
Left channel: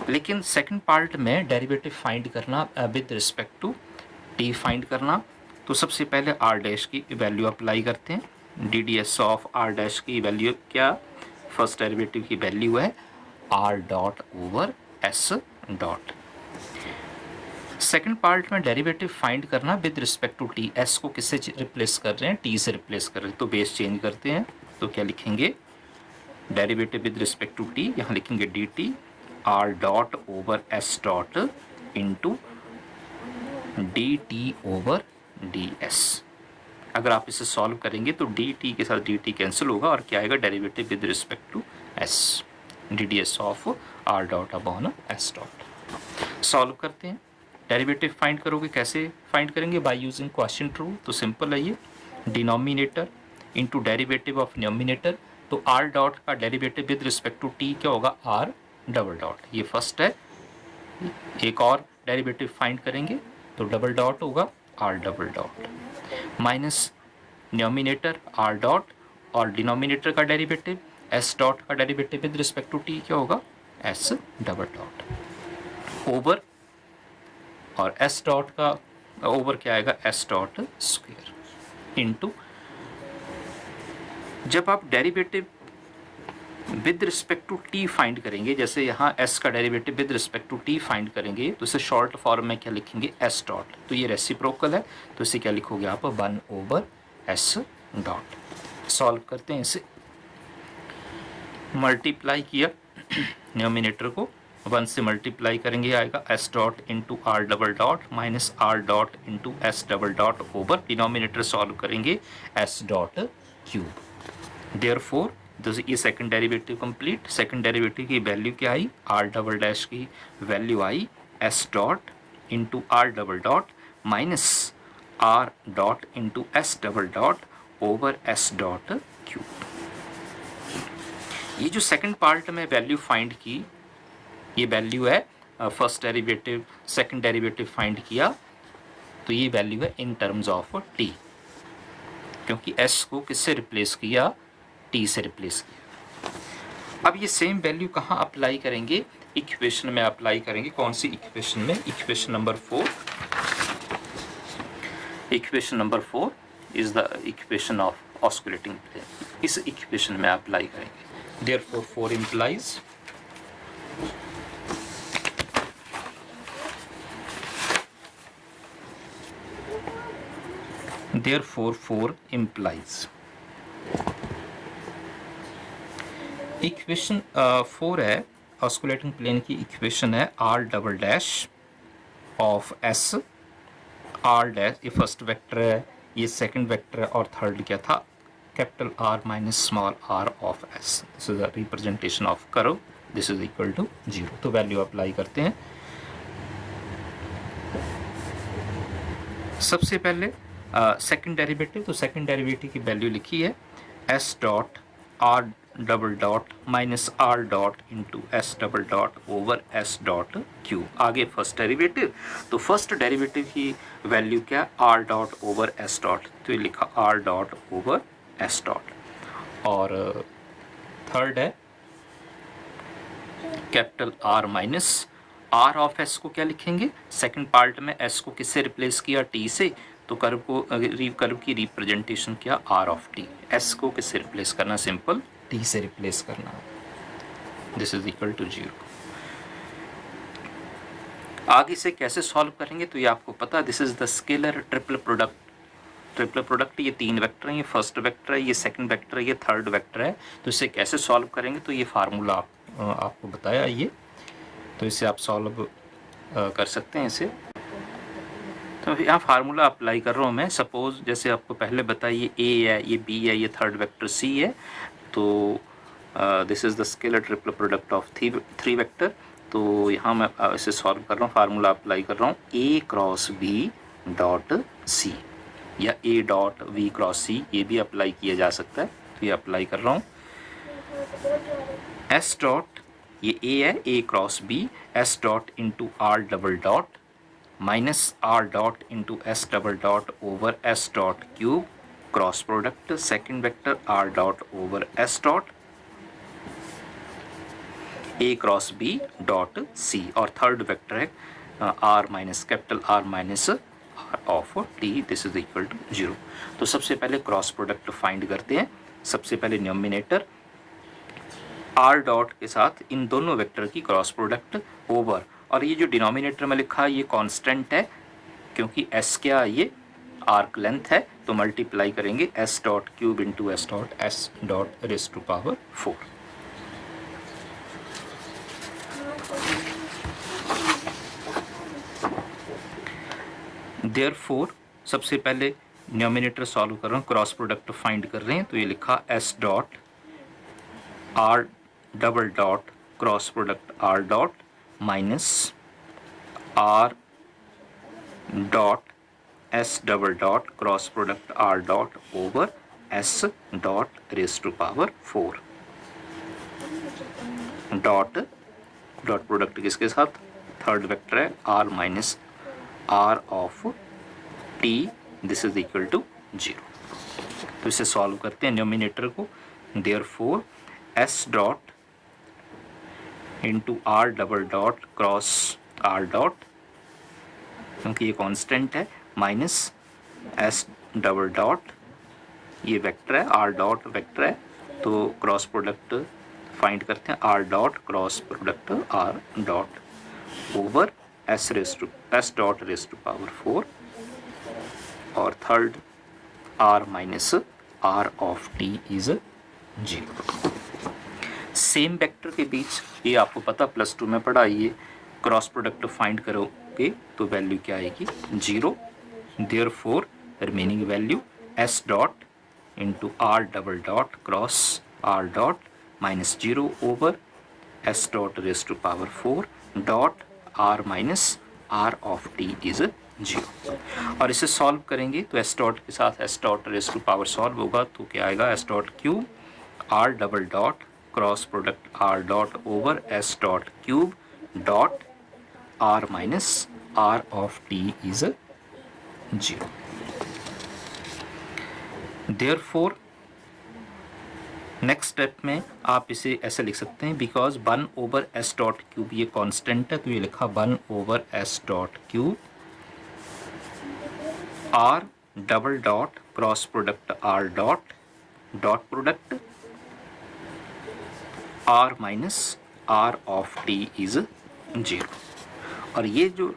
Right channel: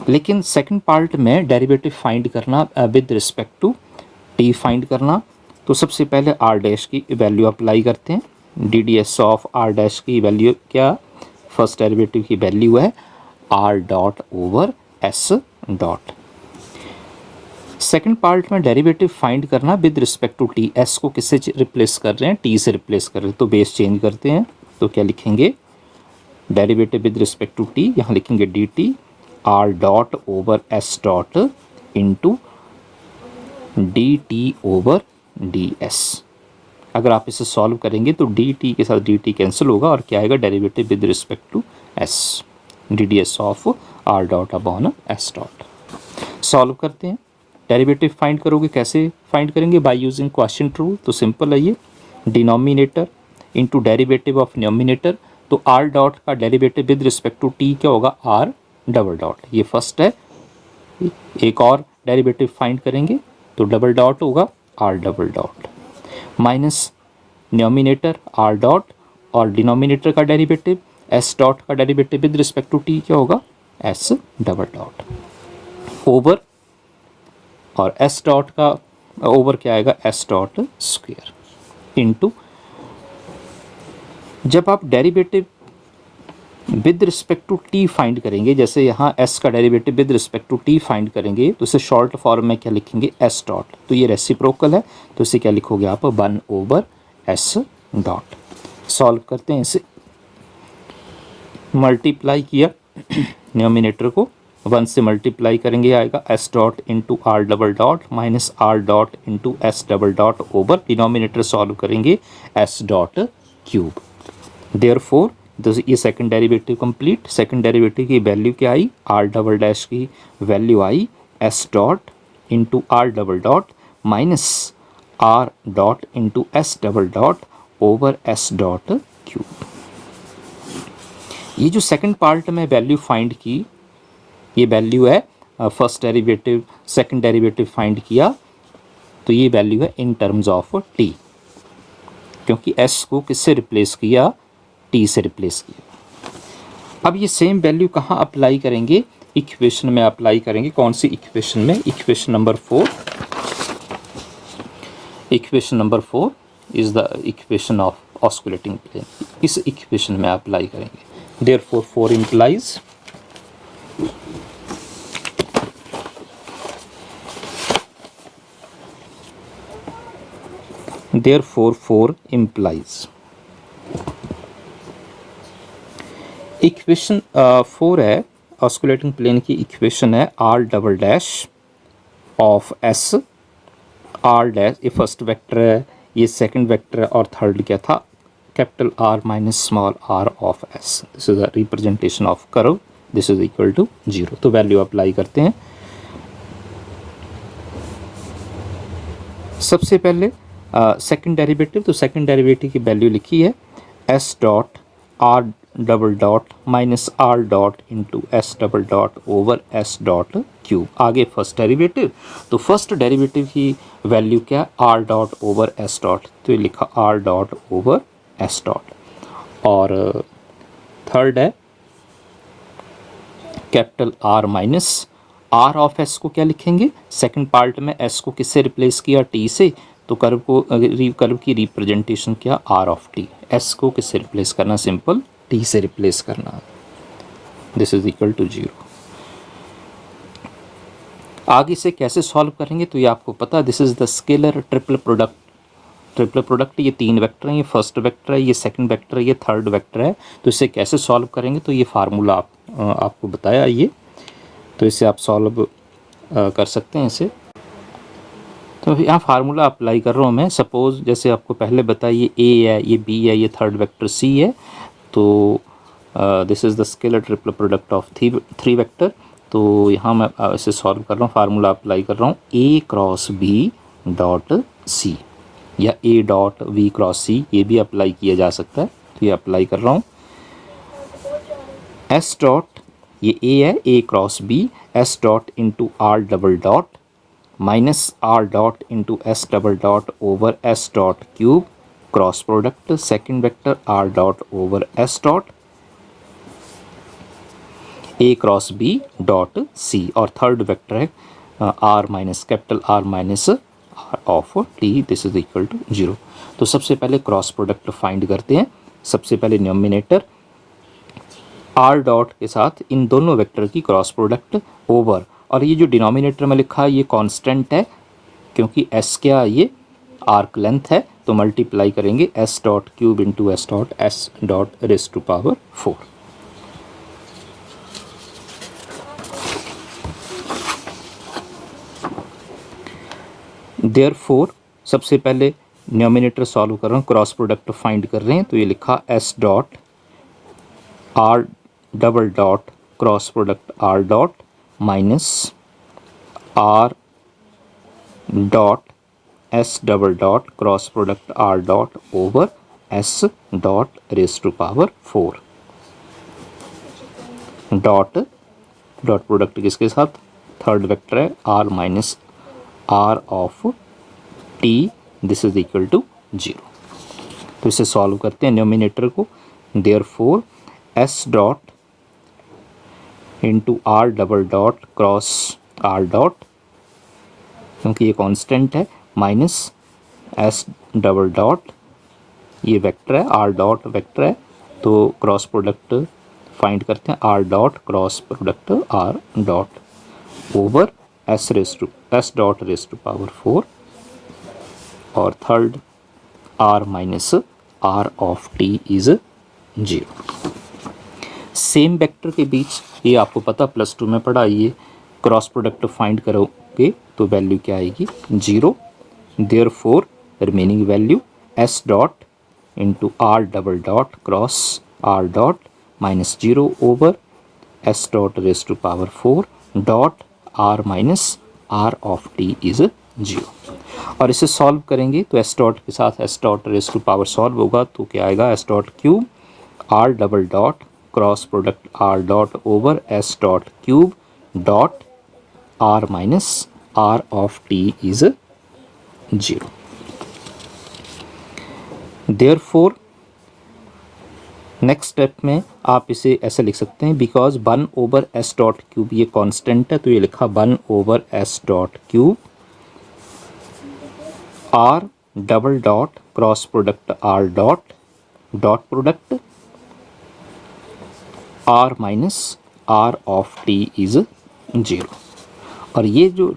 लेकिन सेकंड पार्ट में डेरिवेटिव फाइंड करना with respect to t find करना, तो सबसे पहले आर डैश की वैल्यू अप्लाई करते हैं। D d s of r dash की वैल्यू क्या, फर्स्ट डेरिवेटिव की वैल्यू है r dot over S dot. Second part में डेरिवेटिव फाइंड करना with respect to t, s को किससे रिप्लेस कर रहे हैं, टी से रिप्लेस कर रहे हैं, तो बेस चेंज करते हैं, तो क्या लिखेंगे, derivative with respect to t, यहाँ लिखेंगे d t r dot over S dot into d t over d s. अगर आप इसे सॉल्व करेंगे तो डी टी के साथ डी टी कैंसिल होगा और क्या आएगा, derivative with respect to s, d d s of r dot upon s dot. Solve करते हैं, डेरिवेटिव फाइंड करोगे, कैसे फाइंड करेंगे, बाय यूजिंग क्वोशिएंट रूल। तो सिंपल है, ये denominator into derivative of numerator, तो आर डॉट का derivative with respect to t क्या होगा, आर डबल डॉट, ये फर्स्ट है। एक और डेरिवेटिव फाइंड करेंगे तो डबल डॉट होगा r double dot, minus numerator r dot और डिनोमिनेटर का डेरिवेटिव एस डॉट का derivative with respect to t क्या होगा, एस डबल डॉट, ओवर, और एस डॉट का ओवर क्या आएगा, एस डॉट स्क्वायर, इनटू, जब आप derivative with respect to t find करेंगे, जैसे यहाँ एस का derivative with respect to t find करेंगे तो इसे शॉर्ट फॉर्म में क्या लिखेंगे, एस डॉट, तो ये रेसिप्रोकल है तो इसे क्या लिखोगे आप, 1 ओवर एस डॉट। सॉल्व करते हैं इसे, मल्टीप्लाई किया न्यूमरेटर को 1 से मल्टीप्लाई करेंगे, आएगा s dot into are double dot minus are dot into S double dot over, denominator solve करेंगे एस डॉट क्यूब। देयरफॉर ये second derivative complete, second derivative की वैल्यू क्या आई, आर डबल डैश की वैल्यू आई s dot into are double dot minus are dot into S double dot over S dot cube. ये जो second part में value find की, ये वैल्यू है first derivative, second derivative find किया तो ये वैल्यू है इन टर्म्स ऑफ टी, क्योंकि एस को किससे रिप्लेस किया, टी से रिप्लेस किया। अब ये सेम वैल्यू कहाँ अप्लाई करेंगे, इक्वेशन में अप्लाई करेंगे, कौन सी इक्वेशन में, equation number 4, equation number 4 is the equation of osculating plane, इस इक्वेशन में अप्लाई करेंगे। Therefore 4 implies therefore 4 implies equation 4 है ऑस्कुलेटिंग प्लेन की इक्वेशन है r double dash of S R dash ये फर्स्ट वेक्टर है, ये सेकंड वेक्टर है और थर्ड क्या था capital R minus small r of S. This is the representation of curve. This is equal to 0. तो वैल्यू अप्लाई करते हैं. सबसे पहले सेकंड डेरिवेटिव, तो सेकंड डेरिवेटिव की वैल्यू लिखी है s dot r double dot minus are dot into S double dot over S dot cube. आगे फर्स्ट डेरिवेटिव, तो फर्स्ट डेरिवेटिव की वैल्यू क्या are dot over S dot, तो ये लिखा r dot over S dot. और third है capital R minus are of s को क्या लिखेंगे, सेकंड पार्ट में एस को किससे रिप्लेस किया टी से, तो कर्व को कर्व की रिप्रेजेंटेशन किया आर ऑफ टी. एस को किससे रिप्लेस करना, सिंपल टी से रिप्लेस करना. This is equal to 0. आगे से कैसे सॉल्व करेंगे तो ये आपको पता, this is the scalar triple product. Triple product ये तीन वेक्टर हैं, ये फर्स्ट वेक्टर है, ये सेकंड वेक्टर है, ये थर्ड वेक्टर है. तो इसे कैसे सॉल्व करेंगे तो ये फार्मूला आपको बताया ये, तो इसे आप सॉल्व कर सकते हैं इसे. तो यहाँ फार्मूला अप्लाई कर रहा हूँ मैं. सपोज जैसे आपको पहले बताइए ए है, ये बी है, ये थर्ड वेक्टर सी है. तो this is the scalar triple product of three vector. तो यहाँ मैं इसे सॉल्व कर रहा हूँ, फार्मूला अप्लाई कर रहा हूँ ए क्रॉस बी डॉट सी या ए डॉट वी क्रॉस सी, ये भी अप्लाई किया जा सकता है. तो ये अप्लाई कर रहा हूँ. एस डॉट ये ए है, A cross B, S dot into are double dot minus are dot into S double dot over S dot cube cross product second vector R dot over S dot A cross B dot C, और third vector है are minus capital R minus are of T. This is equal to 0. तो सबसे पहले cross product find करते हैं. सबसे पहले numerator are dot के साथ इन दोनों वेक्टर की क्रॉस प्रोडक्ट ओवर, और ये जो डिनोमिनेटर में लिखा है ये कांस्टेंट है क्योंकि एस क्या ये आर्क लेंथ है, तो मल्टीप्लाई करेंगे s dot cube into s dot raise to power 4. Therefore सबसे पहले न्यूमिनेटर सॉल्व कर रहा हूँ, क्रॉस प्रोडक्ट फाइंड कर रहे हैं. तो ये लिखा s dot r double dot cross product r dot minus are dot s double dot cross product r dot over S dot raise to power 4 dot dot product किसके साथ, third vector है are minus are of T. This is equal to 0. तो इसे solve करते हैं numerator को. Therefore s dot into are double dot cross r dot क्योंकि ये कांस्टेंट है माइनस एस डबल डॉट ये वेक्टर है आर डॉट वेक्टर है, तो क्रॉस प्रोडक्ट फाइंड करते हैं r dot cross product r dot over S dot raise to power 4 और third r minus are of t is 0. Same vector के बीच ये आपको पता +2 में पढ़ा, ये क्रॉस प्रोडक्ट फाइंड करोगे तो वैल्यू क्या आएगी 0. Therefore remaining value s dot into are double dot cross r dot minus 0 over S dot raise to power 4 dot r minus are of t is 0. और इसे सॉल्व करेंगे तो S dot के साथ s dot raise to power solve होगा तो क्या आएगा s dot cube r double dot cross product r dot over S dot cube dot r minus are of t is 0. Therefore next step में आप इसे ऐसे लिख सकते हैं because 1 over S dot cube ये कांस्टेंट है, तो ये लिखा 1 over S dot cube r double dot cross product r dot dot product r minus are of t is 0. और ये जो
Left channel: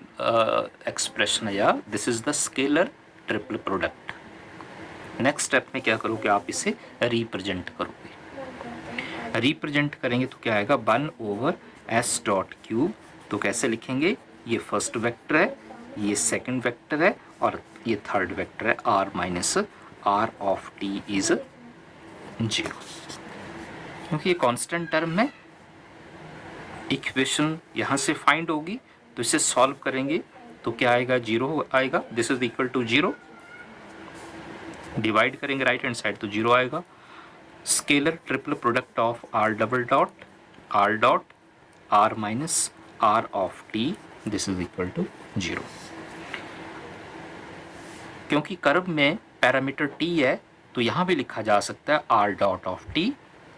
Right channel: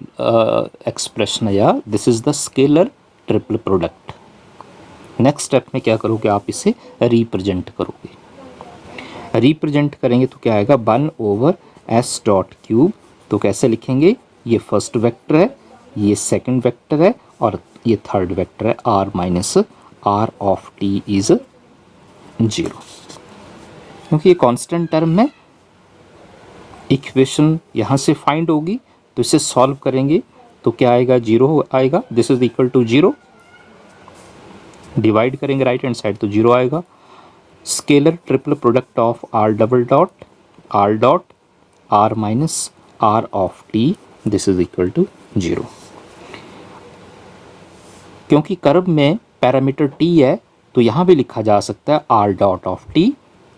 एक्सप्रेशन है यार this is the scalar triple product. Next step में क्या करोगे, आप इसे रिप्रेजेंट करोगे। रिप्रेजेंट करेंगे तो क्या आएगा, 1/s डॉट क्यूब। तो कैसे लिखेंगे, ये फर्स्ट वेक्टर है, ये सेकंड वेक्टर है और ये थर्ड वेक्टर है, r minus r of t is 0। क्योंकि ये कांस्टेंट टर्म है, इक्वेशन यहाँ से फाइंड होगी तो इसे सॉल्व करेंगे तो क्या आएगा, 0 आएगा। This is equal to 0, divide करेंगे राइट हैंड साइड तो 0 आएगा। Scalar triple product of r double dot r minus r of t, this is equal to 0। क्योंकि कर्व में पैरामीटर t है तो यहाँ भी लिखा जा सकता है r डॉट ऑफ t,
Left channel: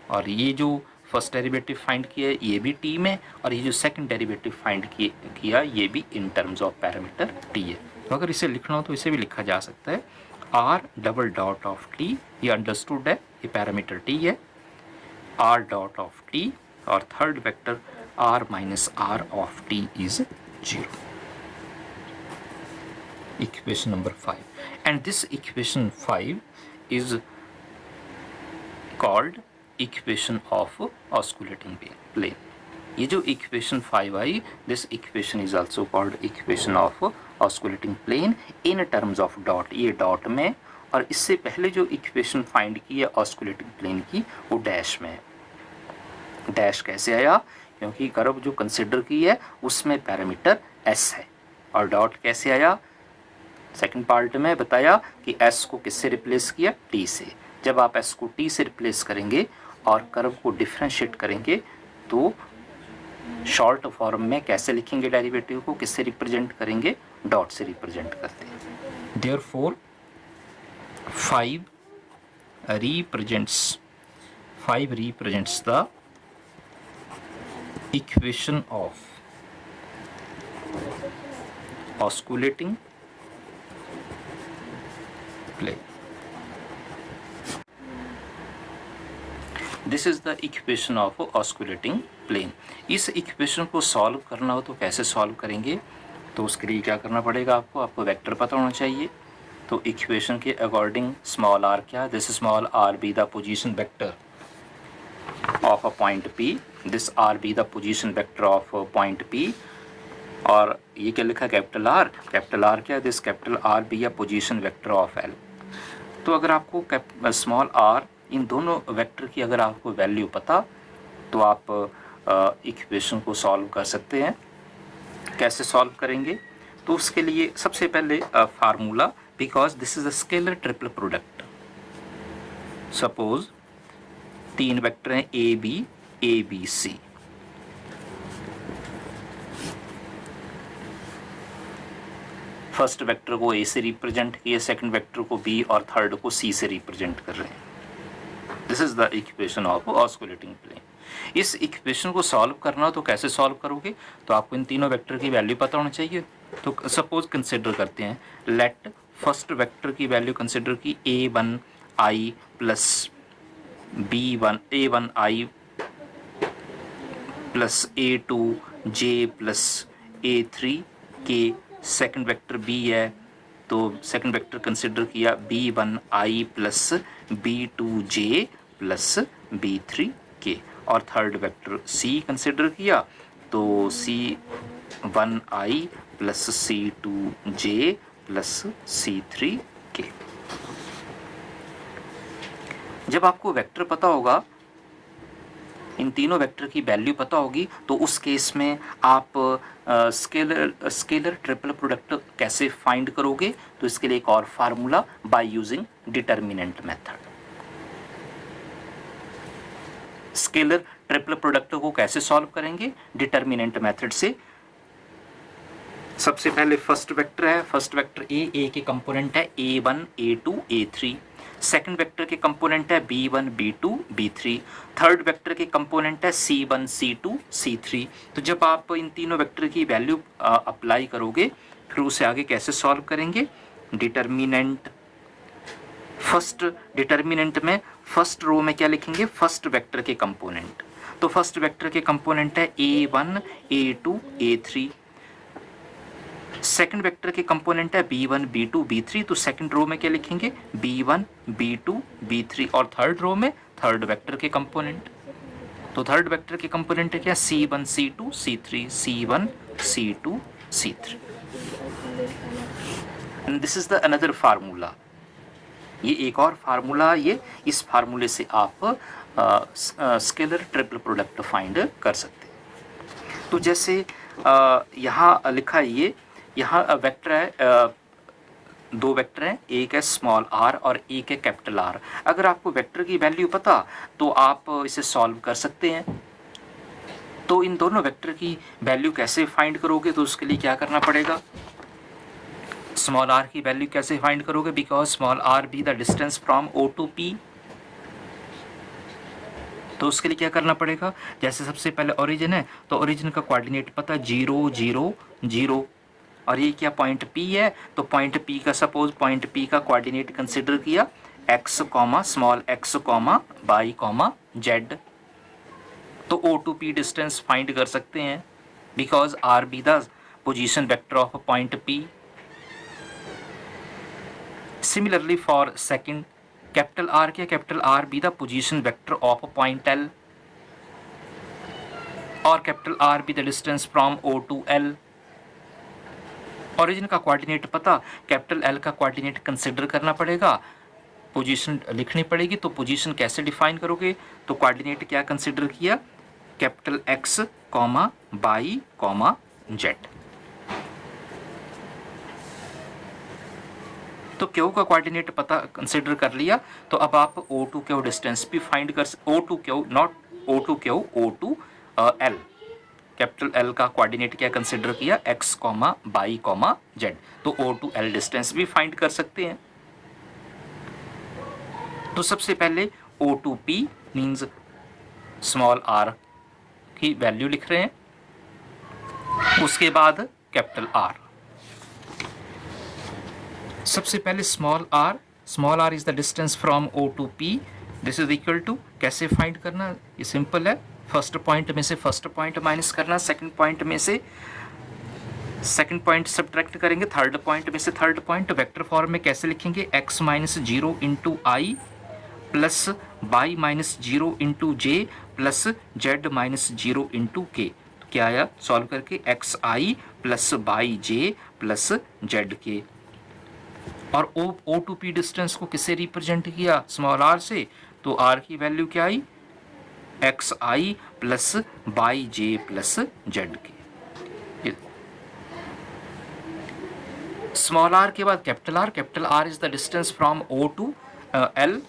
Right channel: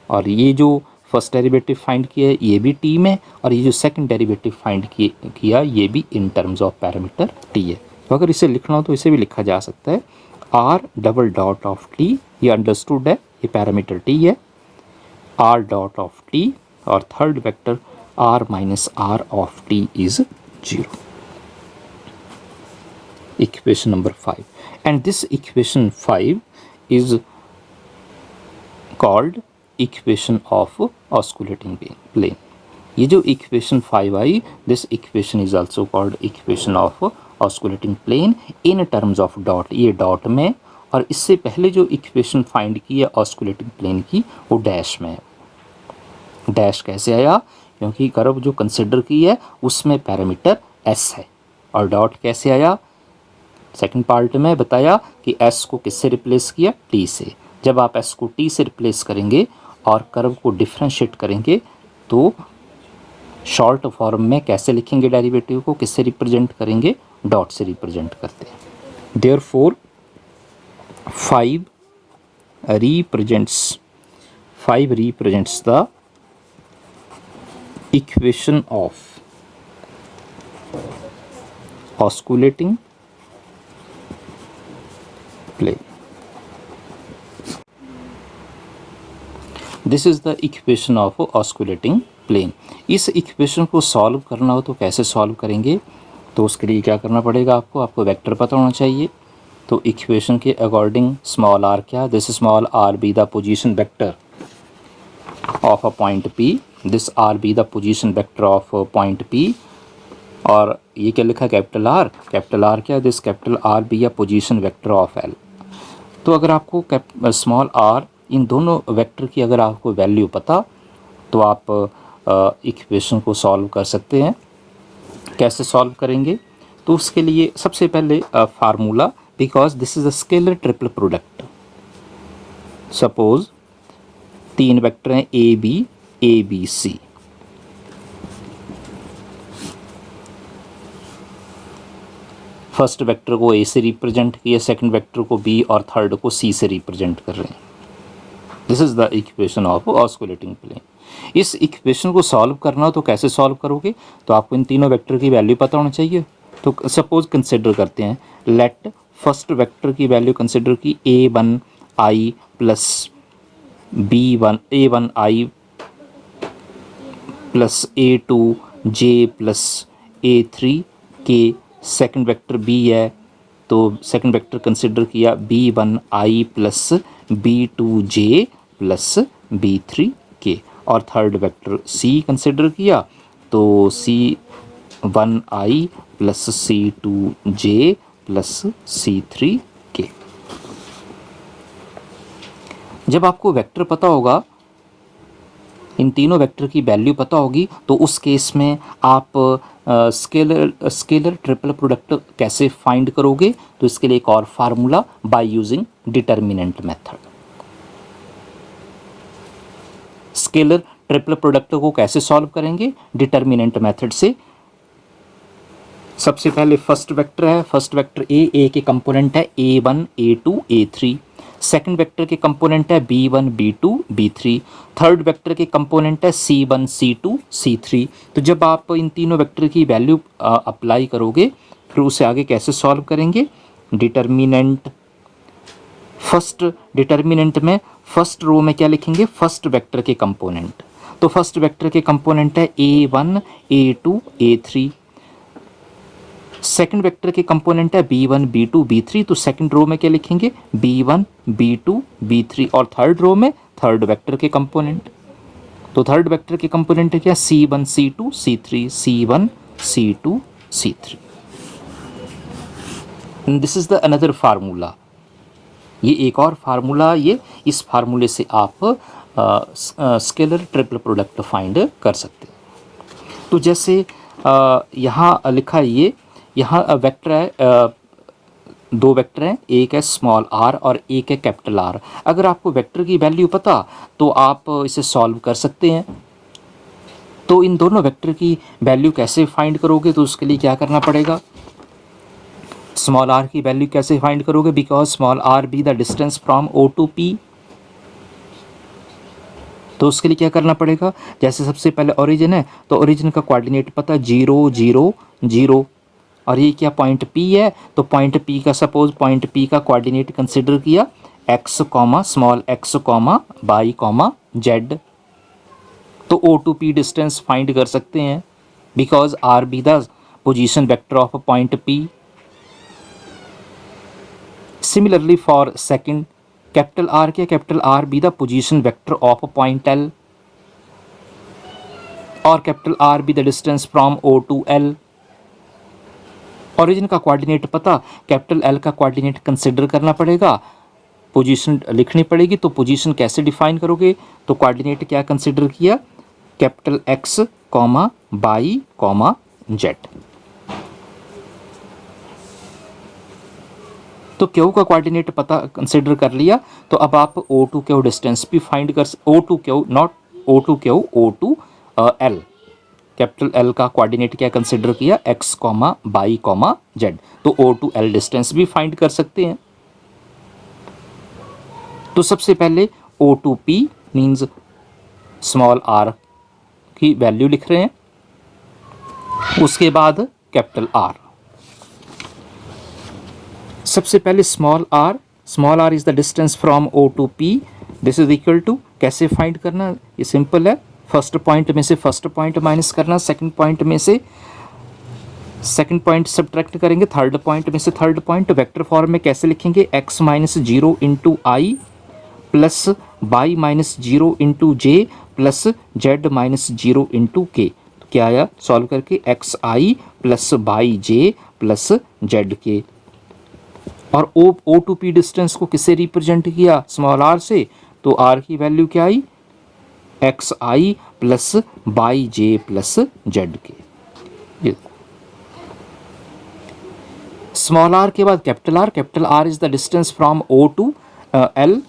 और ये जो फर्स्ट डेरिवेटिव फाइंड किया है ये भी t में, और ये जो सेकंड डेरिवेटिव फाइंड किया ये भी इन टर्म्स ऑफ पैरामीटर t है। तो अगर इसे लिखना हो तो इसे भी लिखा जा सकता है r double dot of t, ये अंडरस्टूड है, ये पैरामीटर t है, r डॉट ऑफ t और third vector r minus r of t is 0। Equation number 5, and this equation 5 is called equation of osculating plane. ये जो equation 5 आई, this equation is also called equation of osculating plane in terms of dot, ये dot में, और इससे पहले जो equation find की है ऑस्कुलेटिंग प्लेन की वो डैश में है। डैश कैसे आया, क्योंकि कर्व जो कंसिडर की है उसमें पैरामीटर s है, और डॉट कैसे आया, सेकंड पार्ट में बताया कि s को किससे रिप्लेस किया, t से। जब आप s को t से रिप्लेस करेंगे और कर्व को डिफ्रेंशिएट करेंगे तो शॉर्ट फॉर्म में कैसे लिखेंगे, डेरिवेटिव को किससे रिप्रेजेंट करेंगे, डॉट से रिप्रेजेंट करते हैं। Therefore 5 represents the equation of osculating plane. This is the equation of osculating plane. इस इक्वेशन को सॉल्व करना हो तो कैसे सॉल्व करेंगे, तो उसके लिए क्या करना पड़ेगा, आपको वेक्टर पता होना चाहिए। तो इक्वेशन के अकॉर्डिंग स्मॉल r क्या, this small r be the position vector of a point p, this r be the position vector of point p, और ये क्या लिखा, कैपिटल R क्या है, this capital R be a position vector of L। तो अगर आपको small r इन दोनों वेक्टर की अगर आपको वैल्यू पता तो आप इक्वेशन को सॉल्व कर सकते हैं। कैसे सॉल्व करेंगे, तो उसके लिए सबसे पहले formula, because this is a scalar triple product. Suppose 3 vector हैं A B C, first vector को ए से रिप्रेजेंट किया, सेकंड वेक्टर को बी और थर्ड को सी से रिप्रेजेंट कर रहे हैं। This is the equation of osculating plane. इस इक्वेशन को सॉल्व करना हो तो कैसे सॉल्व करोगे, तो आपको इन तीनों वेक्टर की वैल्यू पता होना चाहिए। तो सपोज कंसिडर करते हैं, लेट फर्स्ट वेक्टर की वैल्यू कंसिडर की a1i plus a1i plus a2j plus a3k, second vector b है तो सेकंड वेक्टर कंसिडर किया b1i plus b2j plus b3k, और थर्ड वेक्टर c कंसिडर किया तो c1i plus c2j plus c3k। जब आपको वेक्टर पता होगा, इन तीनों वेक्टर की वैल्यू पता होगी, तो उस केस में आप स्केलर ट्रिपल प्रोडक्ट कैसे फाइंड करोगे, तो इसके लिए एक और formula, by using determinant method. Scalar triple product को कैसे सॉल्व करेंगे, डिटर्मिनेंट मेथड से। सबसे पहले फर्स्ट वेक्टर है, फर्स्ट वेक्टर ए के कंपोनेंट है a1 a2 a3, second vector के कंपोनेंट है b1 b2 b3, third vector के कंपोनेंट है c1 c2 c3। तो जब आप इन तीनों वेक्टर की वैल्यू अप्लाई करोगे, फिर उसे आगे कैसे सॉल्व करेंगे, डिटर्मिनेंट, फर्स्ट डिटर्मिनेंट में फर्स्ट रो में क्या लिखेंगे, फर्स्ट वेक्टर के कंपोनेंट। तो फर्स्ट वेक्टर के कंपोनेंट है a1 a2 a3, second vector के कंपोनेंट है b1 b2 b3, तो सेकंड रो में क्या लिखेंगे b1 b2 b3, और थर्ड रो में थर्ड वेक्टर के कंपोनेंट, तो थर्ड वेक्टर के कंपोनेंट है क्या c1 c2 c3 c1 c2 c3। This is the another formula, ये एक और फार्मूला, ये इस फार्मूले से आप स्केलर ट्रिपल प्रोडक्ट फाइंड कर सकते हैं। तो जैसे यहाँ लिखा है, ये यहाँ वेक्टर है, दो वेक्टर हैं, एक है स्मॉल r और एक है कैपिटल R। अगर आपको वेक्टर की वैल्यू पता तो आप इसे सॉल्व कर सकते हैं। तो इन दोनों वेक्टर की वैल्यू कैसे फाइंड करोगे, तो उसके लिए क्या करना पड़ेगा, स्मॉल r की वैल्यू कैसे फाइंड करोगे, because small r be the distance from O to P। तो उसके लिए क्या करना पड़ेगा, जैसे सबसे पहले ओरिजिन है तो ओरिजिन का कोऑर्डिनेट पता 0 0 0, और ये क्या पॉइंट P है, तो पॉइंट P का सपोज पॉइंट P का कोऑर्डिनेट कंसिडर किया x small x y z, तो O to P distance find कर सकते हैं because r be the position vector of point P। Similarly for second, capital R क्या, capital R be the position vector of point L, और capital R be the distance from O to L। Origin का coordinate पता, capital L का coordinate consider करना पड़ेगा, position लिखनी पड़ेगी। तो पोजीशन कैसे डिफाइन करोगे, तो कोऑर्डिनेट क्या कंसिडर किया, कैपिटल X y z। तो Q का कोऑर्डिनेट पता कंसिडर कर लिया, तो अब आप O टू Q डिस्टेंस भी फाइंड कर, O to Q not O to Q, O to L, capital L का कोऑर्डिनेट क्या कंसिडर किया x y z, तो O टू L डिस्टेंस भी फाइंड कर सकते हैं। तो सबसे पहले O to P means small r की वैल्यू लिख रहे हैं, उसके बाद कैपिटल R। सबसे पहले small r is the distance from O to P, this is equal to, कैसे फाइंड करना, ये सिंपल है, फर्स्ट पॉइंट में से फर्स्ट पॉइंट माइनस करना, सेकंड पॉइंट में से सेकंड पॉइंट सब्ट्रैक्ट करेंगे, थर्ड पॉइंट में से थर्ड पॉइंट। वेक्टर फॉर्म में कैसे लिखेंगे, x minus 0 into I plus y minus 0 into J plus z minus 0 into k. तो क्या आया सॉल्व करके, x I plus by J plus Z k. और O टू P डिस्टेंस को किससे रिप्रेजेंट किया, स्मॉल r से, तो r की वैल्यू क्या आई, X I plus by J plus Z K. Small r के बाद capital R is the distance from O to L,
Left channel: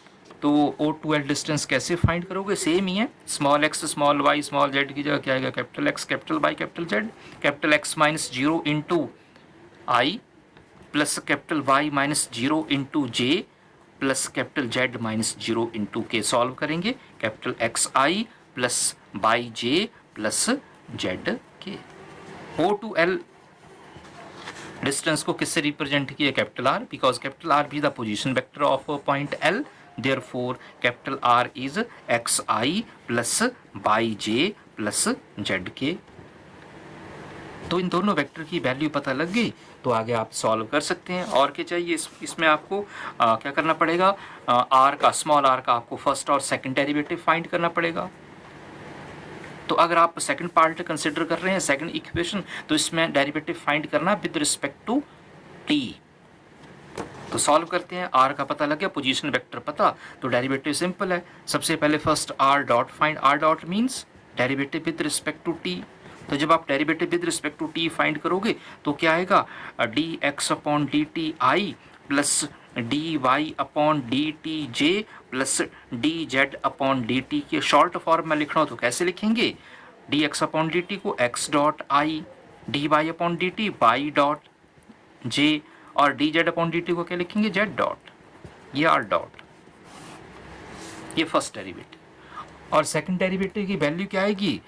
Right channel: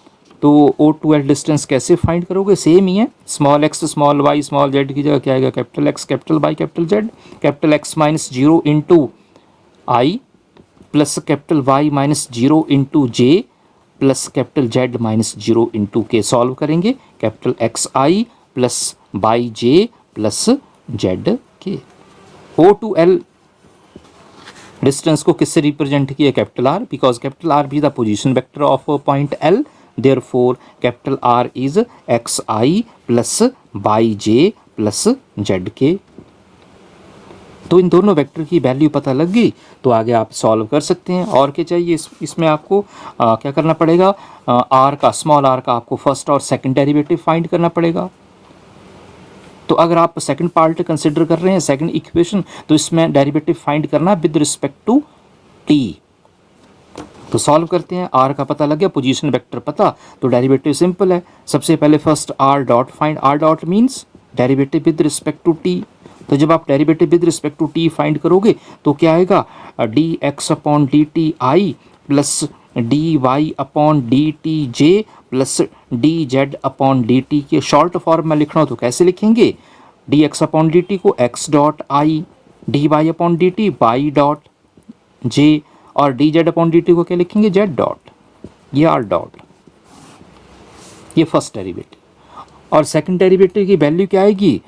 तो O टू L डिस्टेंस कैसे फाइंड करोगे, सेम ही है, small x small y small z की जगह क्या आएगा, capital X capital y capital Z, capital X minus 0 into I plus capital Y minus 0 into J plus capital Z minus 0 into के। Solve करेंगे, capital X I plus by J plus Z के। O to L distance को किससे represent किया, capital R, because capital R भी the position vector of point L, therefore capital R is x I plus by J plus Z के। तो इन दोनों vector की value पता लग गई, तो आगे आप सॉल्व कर सकते हैं। और क्या चाहिए इसमें आपको क्या करना पड़ेगा, r का स्मॉल r का आपको फर्स्ट और सेकंड डेरिवेटिव फाइंड करना पड़ेगा। तो अगर आप सेकंड पार्ट कंसिडर कर रहे हैं, सेकंड इक्वेशन, तो इसमें डेरिवेटिव फाइंड करना विद रिस्पेक्ट टू t। तो सॉल्व करते हैं, r का पता लग गया, पोजीशन वेक्टर पता, तो डेरिवेटिव सिंपल है। सबसे पहले first r dot find, r dot means derivative with respect to t। तो जब आप derivative with respect to t find करोगे तो क्या आएगा, dx upon d t i plus d y upon d t j plus d z upon d t k. Short form में लिखना हो तो कैसे लिखेंगे, d x upon d t को x dot i, d y upon d T Y dot j, और d z upon d t को क्या लिखेंगे, जेड डॉट, ये आर डॉट। ये फर्स्ट डेरिवेटिव। और सेकंड डेरिवेटिव की वैल्यू क्या आएगी,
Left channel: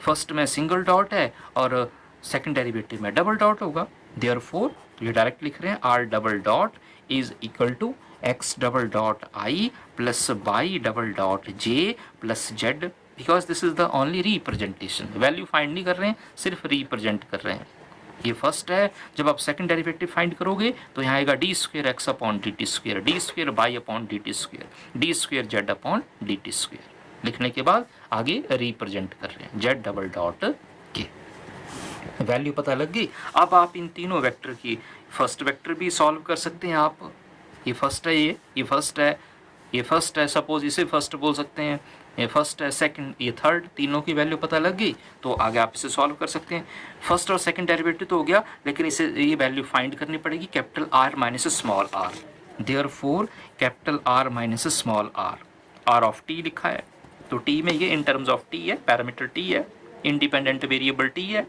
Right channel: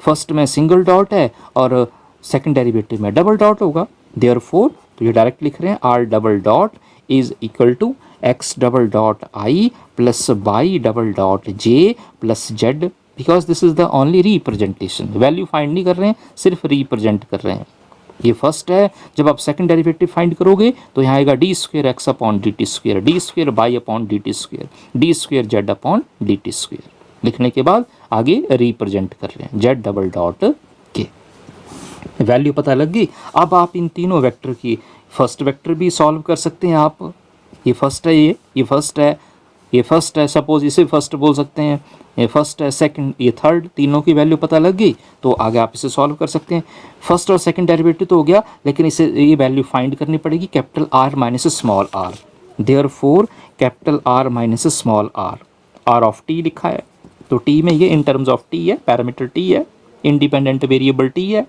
फर्स्ट में सिंगल डॉट है और सेकंड डेरिवेटिव में डबल डॉट होगा, देयरफॉर तो ये डायरेक्ट लिख रहे हैं, r double dot is equal to x double dot i plus y double dot j plus z, because this is the only representation. Value find नहीं कर रहे हैं, सिर्फ रिप्रेजेंट कर रहे हैं। ये फर्स्ट है। जब आप सेकंड डेरिवेटिव फाइंड करोगे तो यहाँ आएगा d square x upon d t square, d square y upon d t square, d square z upon d t square. लिखने के बाद आगे रिप्रेजेंट कर रहे हैं z double dot k. Value पता लग गई। अब आप इन तीनों वेक्टर की फर्स्ट वेक्टर भी सॉल्व कर सकते हैं आप। ये फर्स्ट है, ये फर्स्ट है, ये फर्स्ट है, सपोज इसे फर्स्ट बोल सकते हैं, ये फर्स्ट है, सेकंड, ये थर्ड, तीनों की वैल्यू पता लग गई तो आगे आप इसे सॉल्व कर सकते हैं। फर्स्ट और सेकंड डेरिवेटिव तो हो गया, लेकिन इसे ये वैल्यू फाइंड करनी पड़ेगी capital R minus small r. Therefore capital R minus small r, r of t लिखा है तो टी में ये इन टर्म्स ऑफ टी है, पैरामीटर टी है, इंडिपेंडेंट वेरिएबल टी है।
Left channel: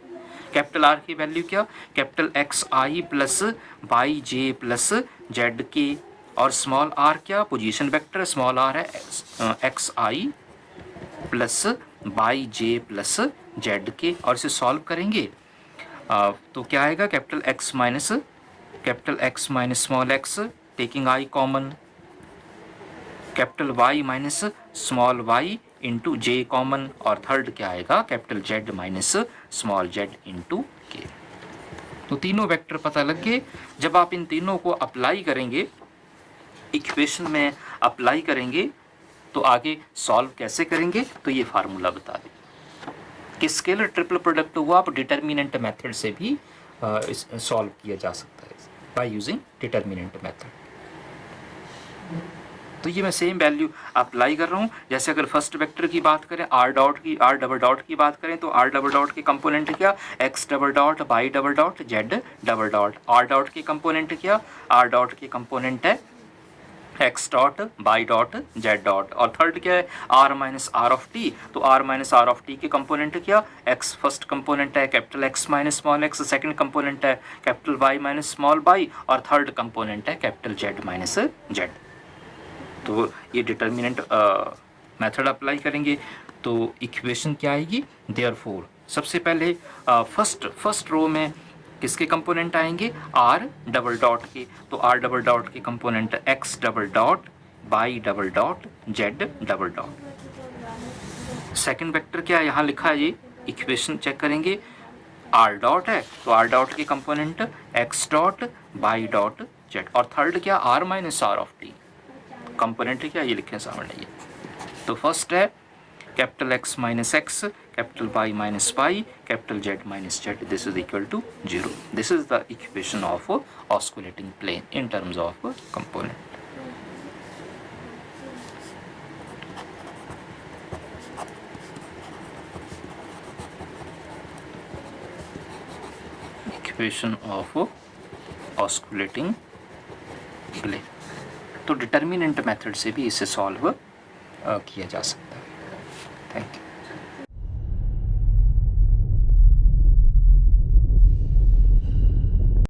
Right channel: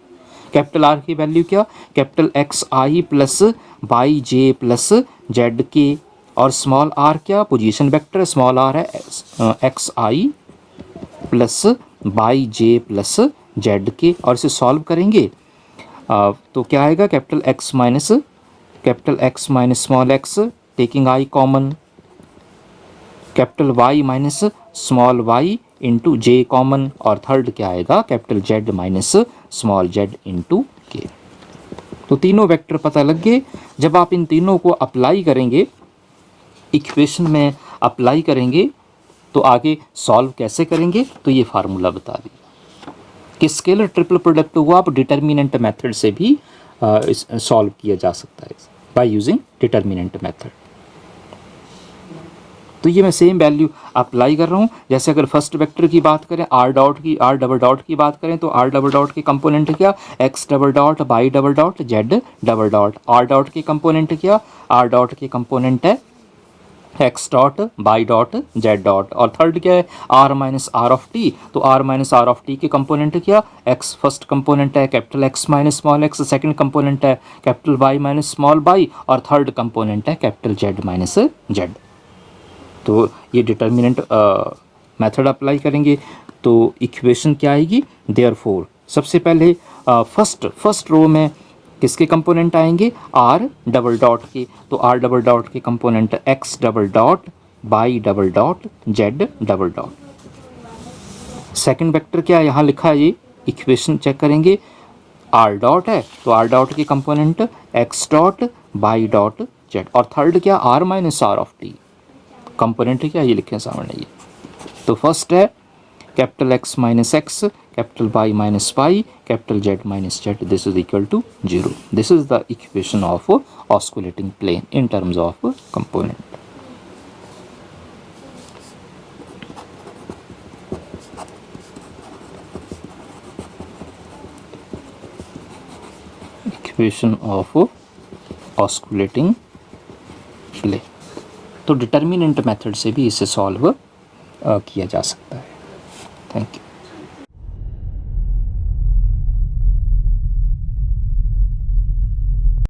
कैपिटल आर की वैल्यू क्या, capital X I plus by J plus Z k, और स्मॉल आर क्या, पोजीशन वेक्टर, स्मॉल आर है x I plus by J plus Z k. और इसे solve करेंगे तो क्या आएगा, capital X minus small x taking i common, capital Y minus small y into j common, और third क्या आएगा, capital Z minus small z into k. तो तीनों वेक्टर पता लग गए। जब आप इन तीनों को अप्लाई करेंगे, इक्वेशन में अप्लाई करेंगे, तो आगे सॉल्व कैसे करेंगे, तो ये फार्मूला बता दिया कि स्केलर ट्रिपल प्रोडक्ट हुआ आप डिटर्मिनेंट मेथड से भी सॉल्व किया जा सकता है बाय यूजिंग डिटर्मिनेंट मेथड। तो ये मैं सेम वैल्यू अप्लाई कर रहा हूँ। जैसे अगर फर्स्ट वेक्टर की बात करें, आर डबल डॉट की बात करें, तो आर डबल डॉट के कंपोनेंट क्या, X double dot by double dot Z double dot. R dot के कंपोनेंट क्या, आर डॉट के कंपोनेंट है X dot by dot Z dot. और थर्ड क्या है, are minus are of T, तो R minus are of T के component क्या, एक्स फर्स्ट कंपोनेंट है capital X minus small X, second component है capital Y minus small Y, और third component है कैपिटल जेड माइनस जेड। तो ये determinant method apply करेंगे तो इक्वेशन क्या आएगी, देयरफॉर सबसे पहले फर्स्ट रो में किसके कंपोनेंट आएंगे, आर डबल डॉट के, तो आर डबल डॉट के component x double dot by double dot Z double dot. Second vector क्या है, यहाँ लिखा है, ये इक्वेशन चेक करेंगे, आर डॉट है तो आर डॉट के component x dot by dot z, और थर्ड क्या, are minus are of t, component क्या, ये लिखे सामने ये। तो फर्स्ट है capital X minus x, capital Y minus y, capital Z minus Z, this is equal to 0। This is the equation of osculating plane in terms of component. Equation of osculating plane. तो determinant method से भी इसे solve किया जा सकता है। Thank you.